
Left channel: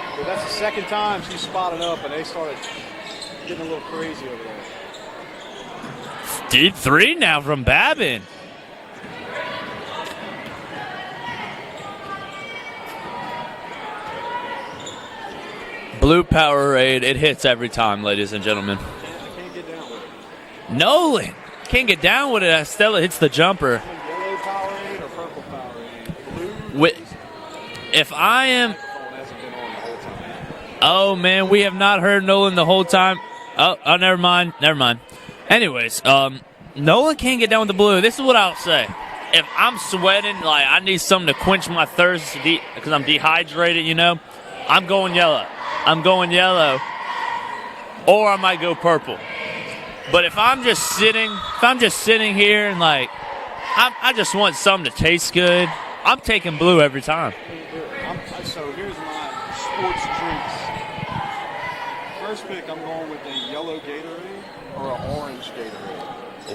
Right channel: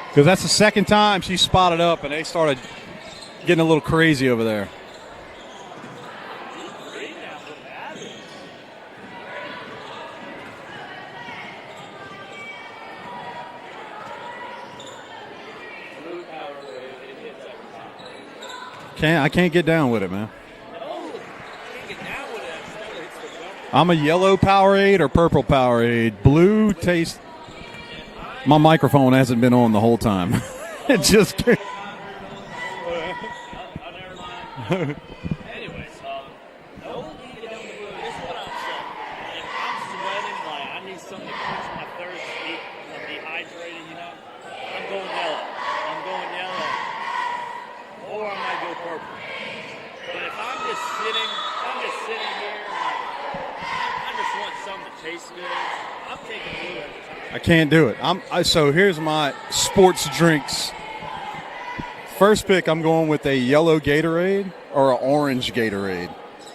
Because that's the second time she spotted up, and they started getting a little crazy over there. Deep 3 now from Babin. Blue Powerade, it hits every time, ladies and gentlemen. I can't get down with it, man. Nolan can't get down with it. Stella hits the jumper. I'm a yellow Powerade or purple Powerade. Blue taste. If I My microphone hasn't been on the whole time. Oh, man, we have not heard Nolan the whole time. Oh, never mind. Anyways, Nolan can't get down with the blue. This is what I'll say. If I'm sweating, like I need something to quench my thirst because I'm dehydrated, I'm going yellow. Or I might go purple. But if I'm just sitting here and like I just want something to taste good, I'm taking blue every time. I can't do it. So here's my sports drinks. First pick, I'm going with a yellow Gatorade or an orange Gatorade.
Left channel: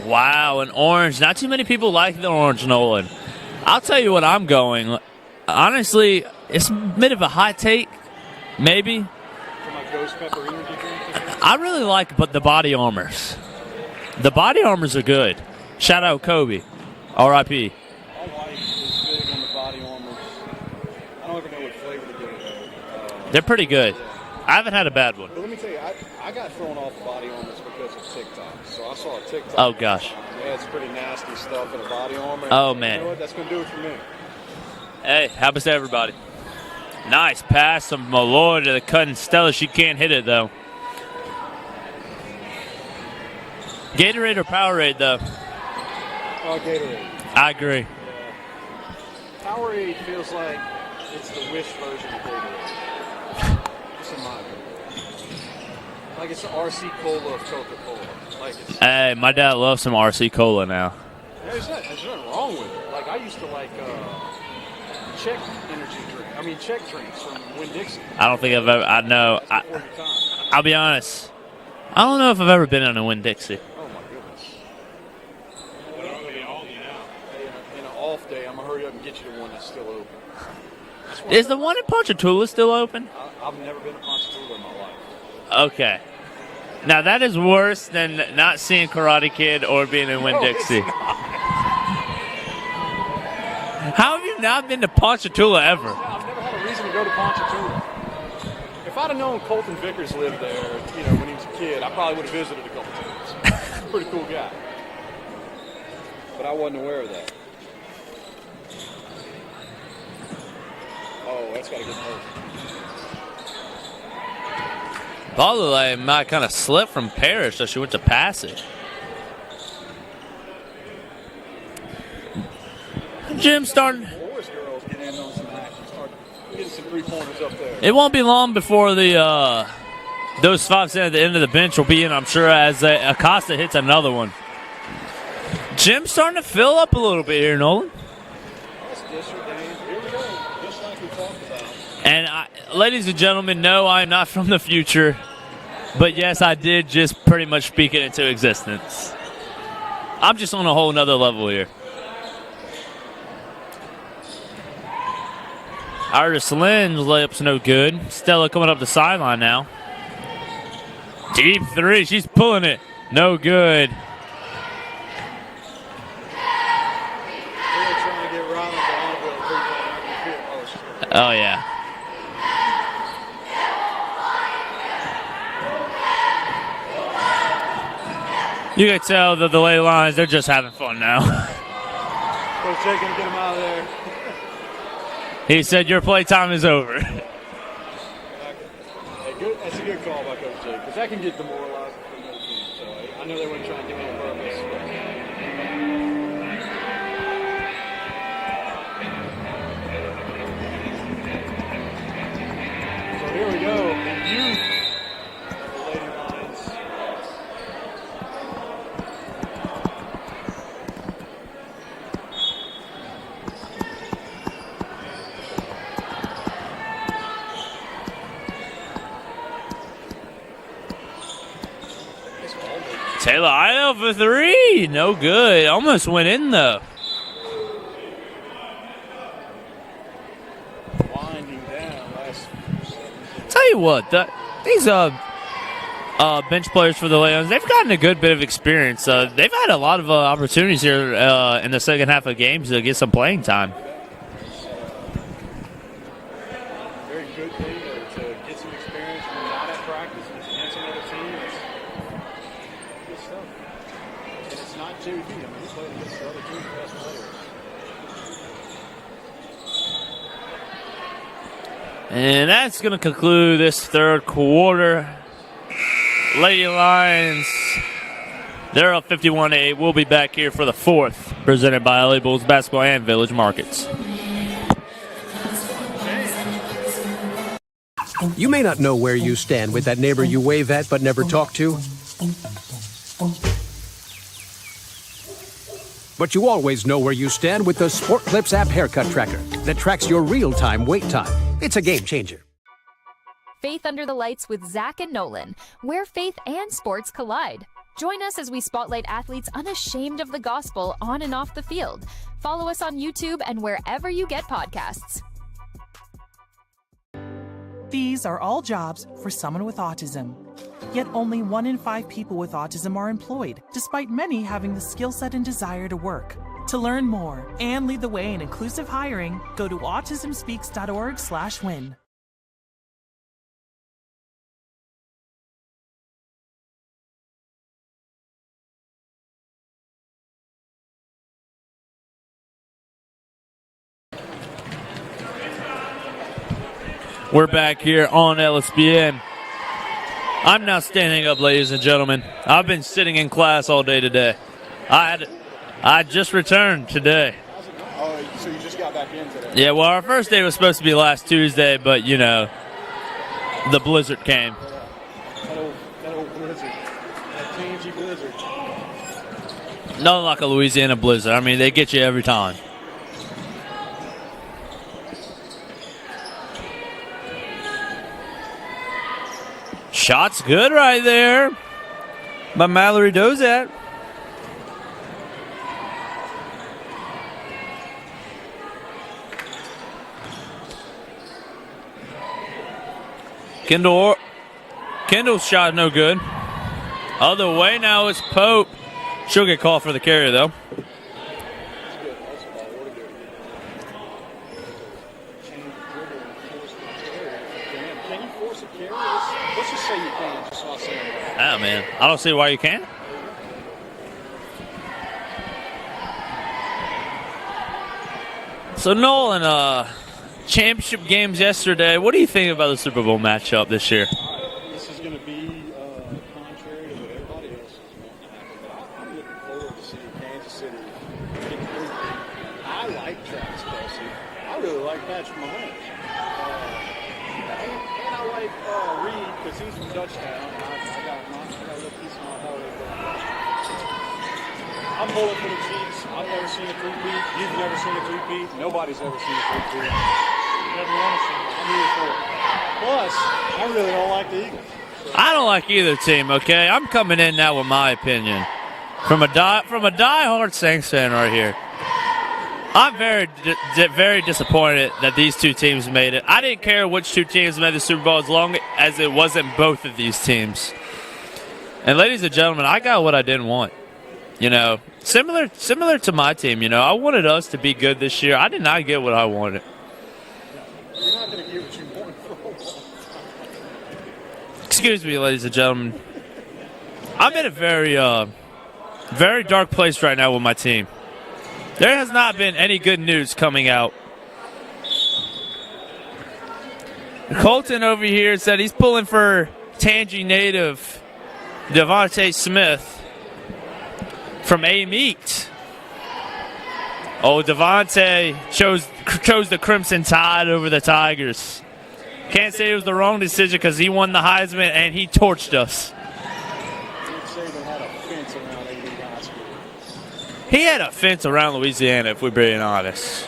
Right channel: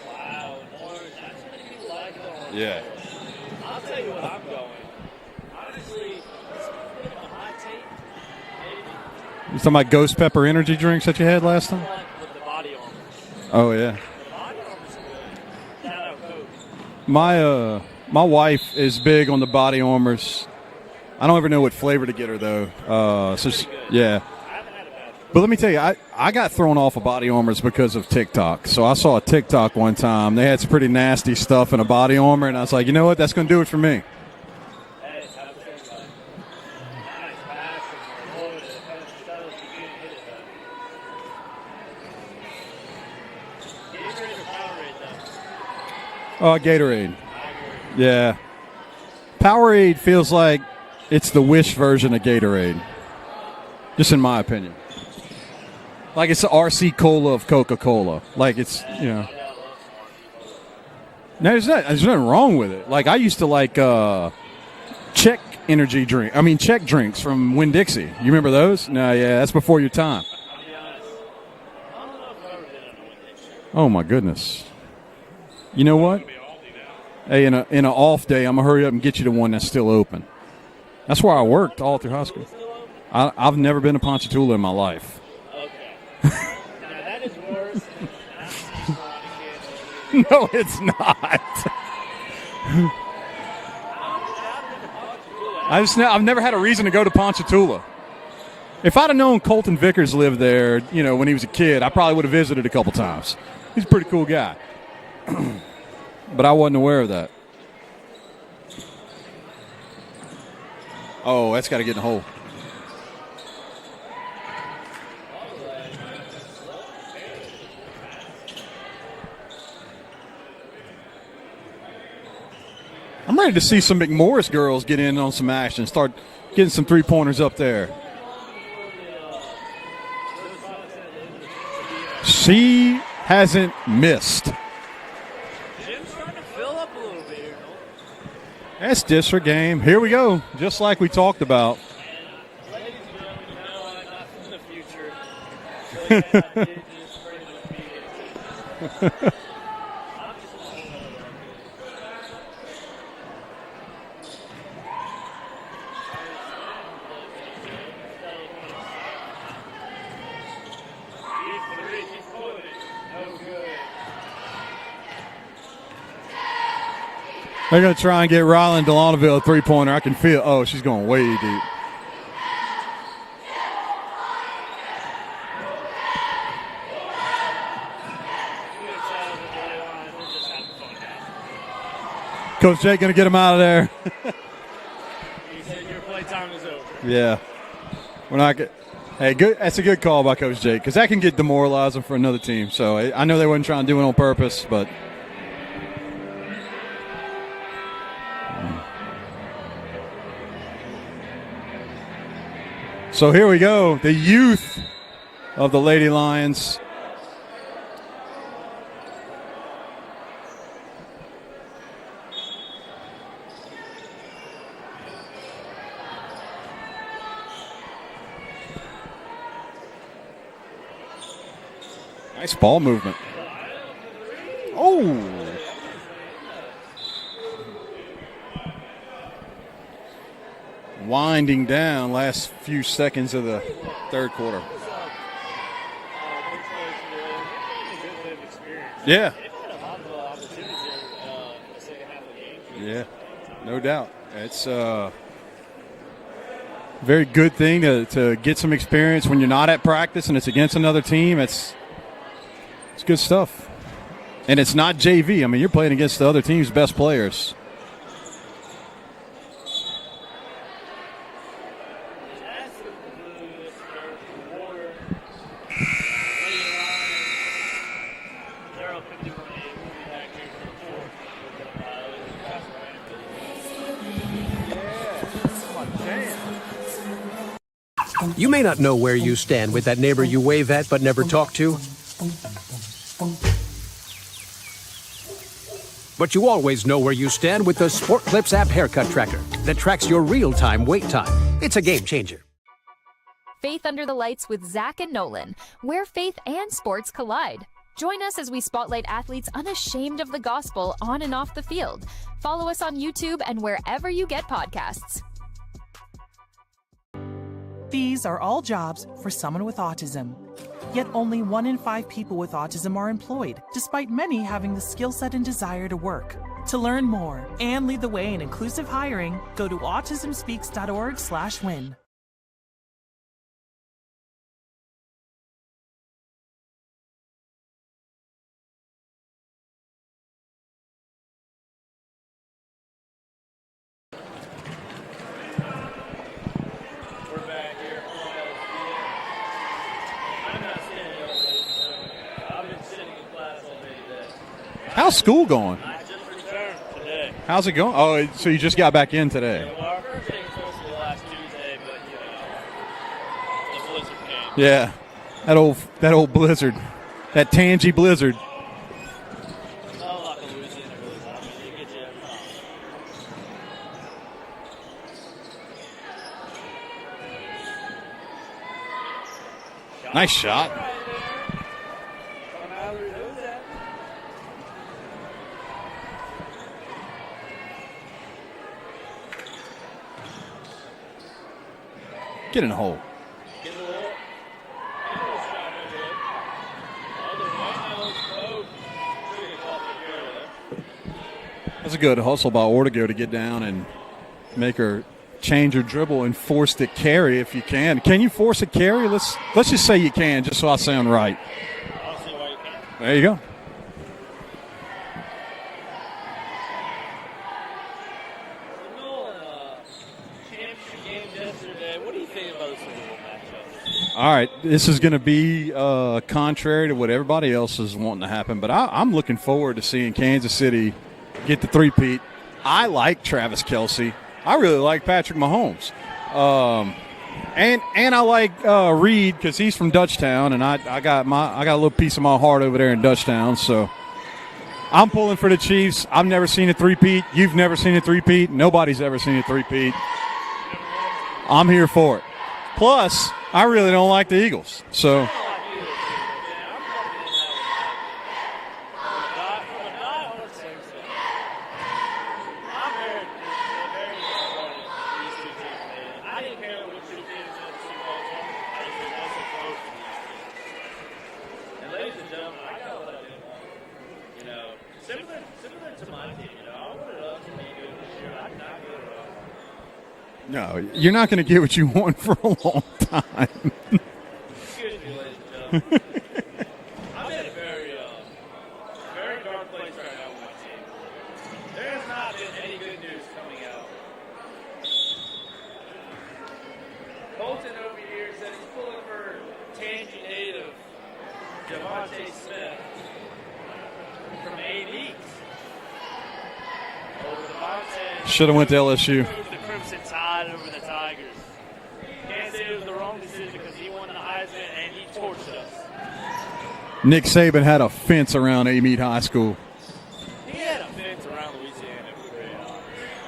Wow, an orange. Not too many people like the orange, Nolan. I'll tell you what I'm going. Honestly, it's a bit of a hot take, maybe. You talking about Ghost Pepper energy drinks that you had last I really time? like the Body Armors. Oh, yeah. The Body Armors are good. Shout out Kobe. My wife is big on the Body Armors. I don't ever know what flavor to get her, though. They're pretty good. Yeah. I haven't had a bad one. But let me tell you, I got thrown off of Body Armors because of TikTok. So I saw a TikTok one time. They had some pretty nasty stuff in a Body Armor, and I was like, you know what? That's going to do it for me. Hey, happens to everybody. Nice pass from Malloy to the cutting Stella. She can't hit it, though. Gatorade or Powerade, though? Gatorade. I agree. Yeah. Powerade feels like it's the Wish version of Gatorade. Just in my opinion. Like it's the RC Cola of Coca-Cola. Like it's. Hey, my dad loves some RC Cola now. No, there's nothing wrong with it. Like I used to like Czech energy drink. I mean Czech drinks from Winn-Dixie. You remember those? Yeah, that's before your time. I'll be honest. I don't know if I've ever been on a Winn-Dixie. Oh my goodness. You know what? Hey, in an off day, I'm gonna hurry up and get you the one that's still open. That's where I work. Is the one in Ponchatoula still open? I've never been to Ponchatoula in my life. Okay. Now that is worse than not seeing Karate Kid or being in Winn-Dixie. No, it's not. How have you not been to Ponchatoula ever? I've never had a reason to go to Ponchatoula. If I'd have known Colton Vickers lived there, when he was a kid, I probably would have visited a couple times. He's a pretty cool guy. But I wasn't aware of that. Oh, that's got to get in the hole. Probably might kind of slip from Parrish, so she went to pass it. I'm ready to see some McMorris girls get in on some action, start getting some three-pointers up there. It won't be long before those five at the end of the bench will be in, I'm sure, as Acosta hits another one. Jim's starting to fill up a little bit here, Nolan. That's district game. Here we go, just like we talked about. And ladies and gentlemen, no, I'm not from the future. But, yes, I did just pretty much speak it into existence. I'm just on a whole nother level here. Iris Lynn's layup's no good. Stella coming up the sideline now. Deep three. She's pulling it. No good. They're going to try and get Ryland Delonaville a three-pointer. I can feel. Oh, she's going way deep. You can tell that the lay lines, they're just having fun now. Coach Jake going to get him out of there. He said your playtime is over. Yeah. We're not good. Hey, good. That's a good call by Coach Jake because that can get demoralizing for another team. So I know they weren't trying to do it on purpose, but. So here we go. The youth of the Lady Lions. Nice ball movement. Taylor Idle for three. Oh. No good. Almost went in, though. Winding down last few seconds of the Tell you what, third quarter. These bench players for the Lions, they've gotten a good bit of experience. Yeah. They've had a lot of opportunities here in the second half of games to get some playing time. No doubt. It's a very good thing to get some experience when you're not at practice and it's against another team. It's good stuff. And it's not JV. I mean, you're playing against the other team's best players. And that's going to conclude this third quarter. Lady Lions, they're up 51-8. We'll be back here for the fourth, presented by LA Bulls Basketball and Village Markets. You may not know where you stand with that neighbor you wave at but never talk to. But you always know where you stand with the Sport Clips app haircut tracker that tracks your real-time wait time. It's a game changer. Faith Under the Lights with Zach and Nolan, where faith and sports collide. Join us as we spotlight athletes unashamed of the gospel on and off the field. Follow us on YouTube and wherever you get podcasts. These are all jobs for someone with autism. Yet only 1 in 5 people with autism are employed, despite many having the skill set and desire to work. To learn more and lead the way in inclusive hiring, go to autismspeaks.org/win. We're back here on LSPN. I'm not standing up, ladies and gentlemen. I've been sitting in class all day today. How's school going? I just returned today. How's it going? Oh, so you just got back in today? Yeah, well, our first day was supposed to be last Tuesday, but, the blizzard came. Yeah. That old blizzard. That tangy blizzard. Nothing like a Louisiana blizzard. I mean, they get you every time. Shot's good right there by Mallory Dozat. Get in the hole. Kendall's shot no good. Other way now is Pope. She'll get called for the carry, though. That's a good hustle by Ortego to get down and make her change her dribble and force the carry if you can. Can you force a carry? Let's just say you can, just so I sound right. Ah, man. I don't see why you can't. There you go. So, Nolan, championship games yesterday. What do you think about the Super Bowl matchup this year? All right, this is going to be contrary to what everybody else is wanting to happen, but I'm looking forward to seeing Kansas City get the three-peat. I like Travis Kelce. I really like Patrick Mahomes. And I like Reed because he's from Dutchtown, and I got a little piece of my heart over there in Dutchtown, so I'm pulling for the Chiefs. I've never seen a three-peat. You've never seen a three-peat. Nobody's ever seen a three-peat. I'm here for it. Plus, I really don't like the Eagles. So I don't like either team, okay? I'm coming in now with my opinion. From a diehard Saints fan right here. I'm very disappointed that these two teams made it. I didn't care which two teams made the Super Bowl as long as it wasn't both of these teams. And ladies and gentlemen, I got what I didn't want. You know, similar to my team, you know, I wanted us to be good this year. I did not get what I wanted. no, you're not going to get what you want for a long time. Excuse me, ladies and gentlemen. I'm in a very dark place right now with my team. There has not been any good news coming out. Colton over here said he's pulling for Tangy native Devontae Smith from A-Meat. Oh, Devontae chose the Crimson Tide over the Tigers. Can't say it was the wrong decision because he won the Heisman and he torched us. Nick Saban had a fence around A-Meat High School. He had a fence around Louisiana, if we're being honest.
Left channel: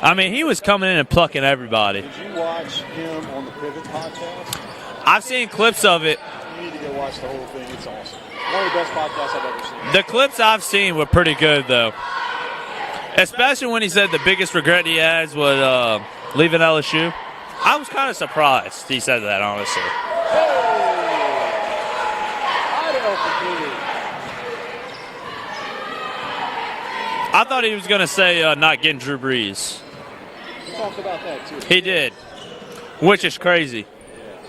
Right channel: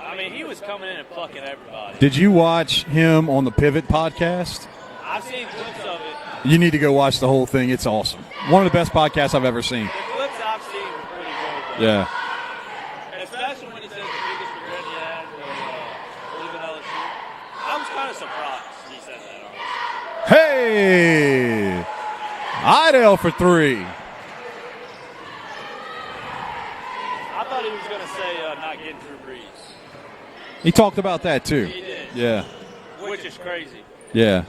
I mean, he was coming in and plucking everybody. Did you watch him on the Pivot podcast? I've seen clips of it. You need to go watch the whole thing. It's awesome. One of the best podcasts I've ever seen. The clips I've seen were pretty good, though. Yeah. Especially when he said the biggest regret he has was leaving LSU. I was kind of surprised he said that, honestly. Hey! Idell for three. I thought he was going to say not getting Drew Brees. He talked about that, too. He did. Yeah. Which is crazy. Yeah.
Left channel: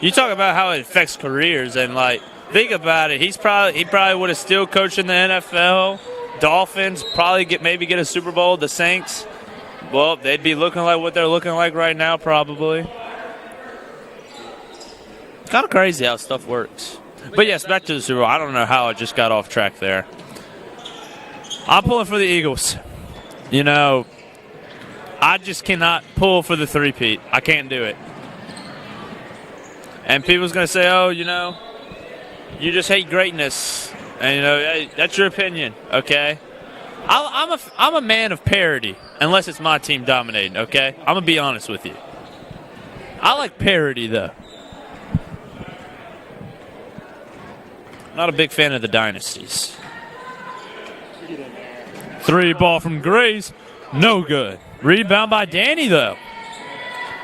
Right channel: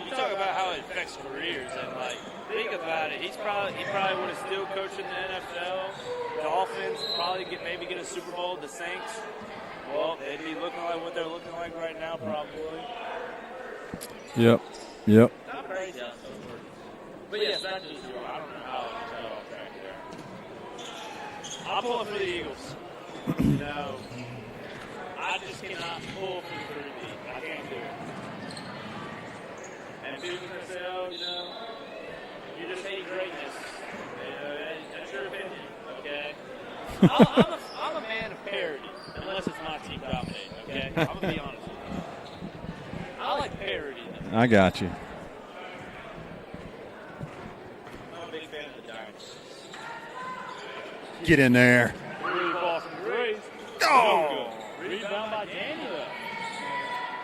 You talk about how it affects careers, and, like, think about it. He probably would have still coached in the NFL. Dolphins probably maybe get a Super Bowl. The Saints, well, they'd be looking like what they're looking like right now, probably. Yep. Kind of crazy how stuff works. But, yes, back to the Super Bowl. I don't know how I just got off track there. I'm pulling for the Eagles. You know, I just cannot pull for the three-peat. I can't do it. And people's going to say, oh, you know, you just hate greatness. And, you know, hey, that's your opinion, okay? I'm a man of parity, unless it's my team dominating, okay? I'm going to be honest with you. I like parity, though. I got you. Not a big fan of the dynasties. Get in there. Three ball from Grace. No good. Rebound by Danny, though.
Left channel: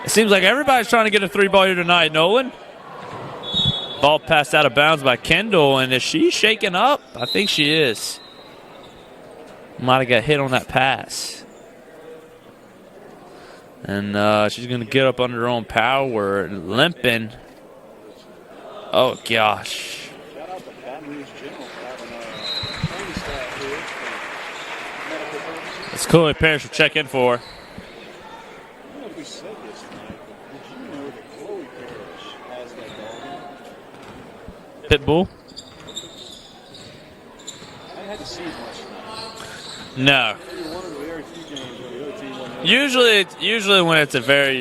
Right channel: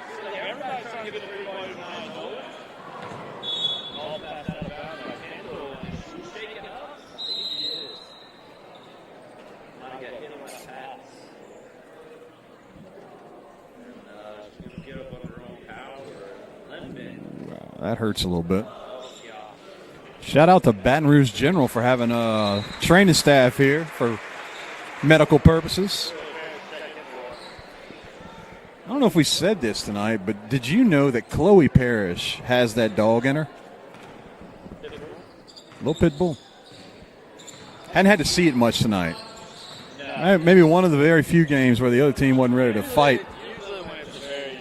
It seems like everybody's trying to get a three ball here tonight, Nolan. Ball passed out of bounds by Kendall, and is she shaking up? I think she is. Might have got hit on that pass. And she's going to get up under her own power, limping. That hurts a little bit. Oh, gosh. Shout out to Baton Rouge General for having a training staff here for medical purposes. It's cool that parents should check in for her. I don't know if we said this tonight, but did you know that Chloe Parrish has that dog in her? Pit bull? Little pit bull. Hadn't had to see it much tonight. No. Maybe one of the very few games where the other team wasn't ready to fight. Usually when it's a very,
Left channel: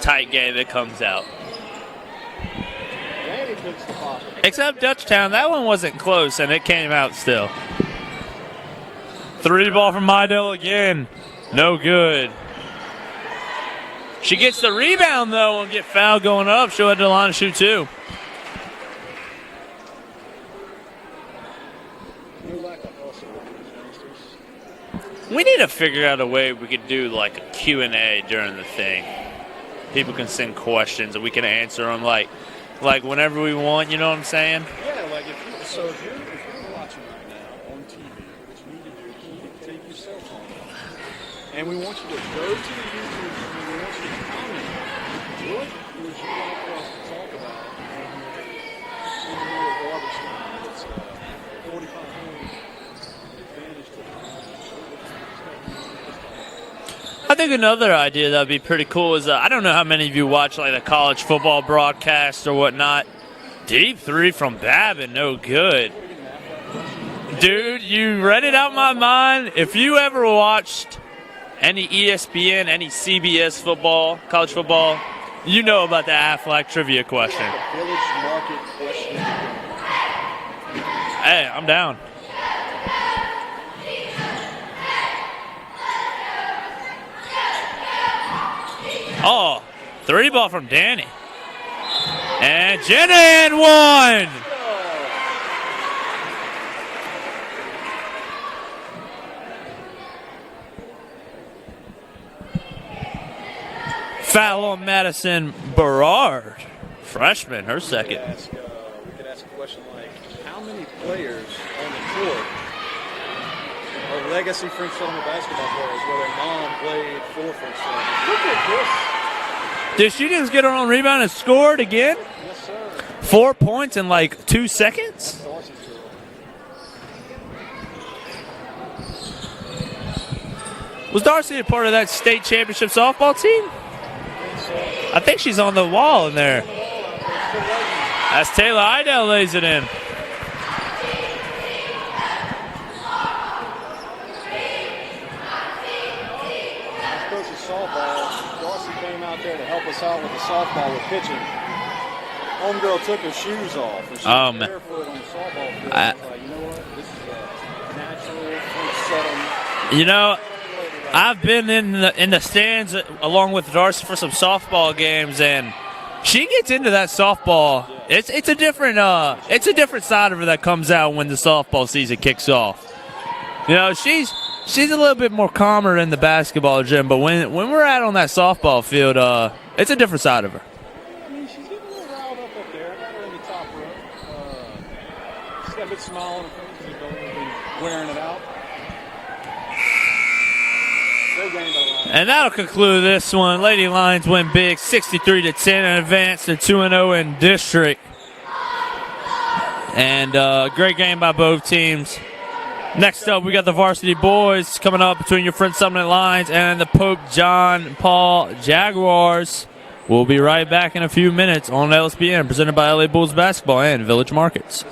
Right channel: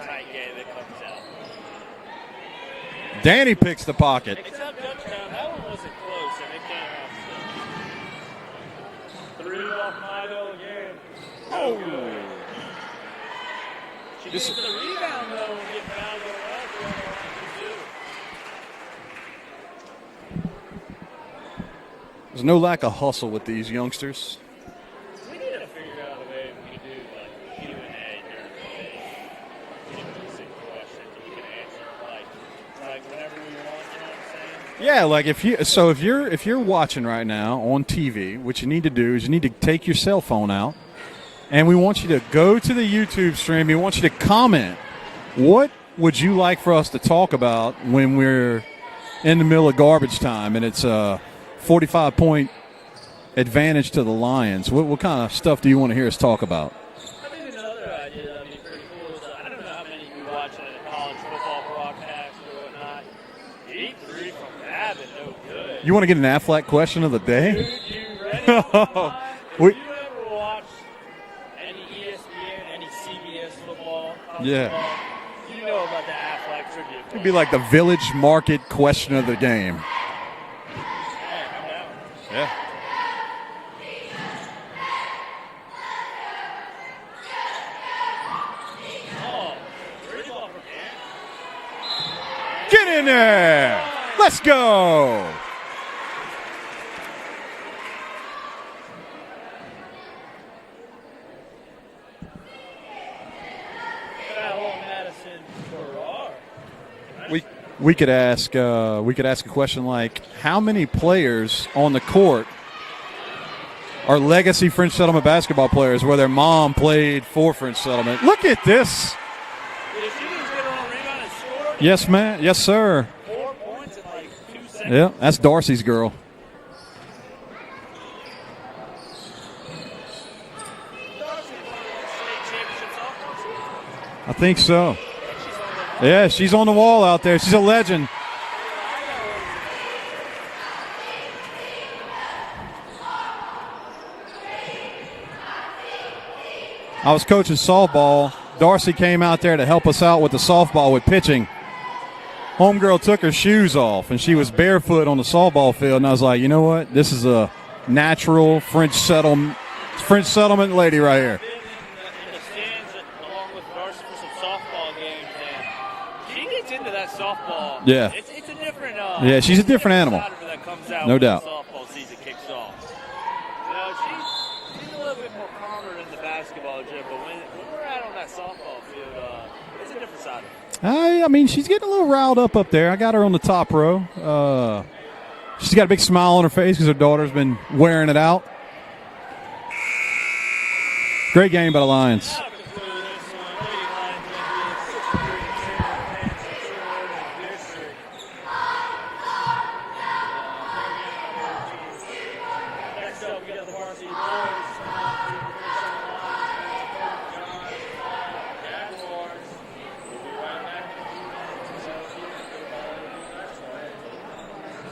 tight game, it comes out. Danny picks the pocket. Except Dutchtown, that one wasn't close, and it came out still. 3 ball from Mydell again. No good. She gets the rebound, though, and get fouled going up. She'll head to the line to shoot 2. There's no lack of hustle with these youngsters. We need to figure out a way we could do like a Q&A during the thing. People can send questions and we can answer them like whenever we want, you know what I'm saying? Yeah, like if you're watching right now on TV, what you need to do is you need to take your cell phone out, and we want you to go to the YouTube stream. We want you to comment. What would you like for us to talk about when we're in the middle of garbage time and it's a 45-point advantage to the Lions? What kind of stuff do you want to hear us talk about? I think another idea that would be pretty cool is I don't know how many of you watch like the college football broadcast or whatnot. Deep 3 from Babin, no good. You want to get an Affleck question of the day? Dude, you read it out my mind. If you ever watched any ESPN, any CBS football, college football, you know about the Affleck trivia question. It'd be like the Village Market question of the game. Hey, I'm down. Yeah. Oh, 3 ball from Danny. And Get in Jenny there. one. Let's go. Foul on Madison Berard, freshman. We could ask a question like, how many players on the court are legacy French Settlement basketball players where their mom played for French Settlement? Look at this. Did she just get her own rebound and scored again? Yes, man. Yes, sir. 4 points in like 2 seconds. Yep, that's Darcy's girl. Was Darcy a part of that state championship softball team? I think so. I think she's on the wall. Yeah, she's on the wall out there. She's a legend. As Taylor Idell lays it in. I was coaching softball. Darcy came out there to help us out with the softball with pitching. Homegirl took her shoes off, and she was barefoot on the softball field. And I was like, you know what? This is a natural French settlement. French settlement lady right I've here. been in the stands along with Darcy for some softball games, and she gets into that softball. Yeah, it's a different she's a different animal. side of her that comes out when the softball season kicks off. You know, she's a little bit more calmer in the basketball gym, but when we're out on that softball field, it's a different side of her. I mean, she's getting a little riled up there. I got her on the top row. She's got a big smile on her face because her daughter's been wearing it out. Great game by the Lions. And that'll conclude this one. Lady Lions win big, 63-10, and advance to 2-0 in district. And great game by both teams. Next up, we got the varsity boys coming up between your French Settlement Lions and the Pope John Paul Jaguars. We'll be right back in a few minutes on LSPN, presented by LA Bulls Basketball and Village Markets.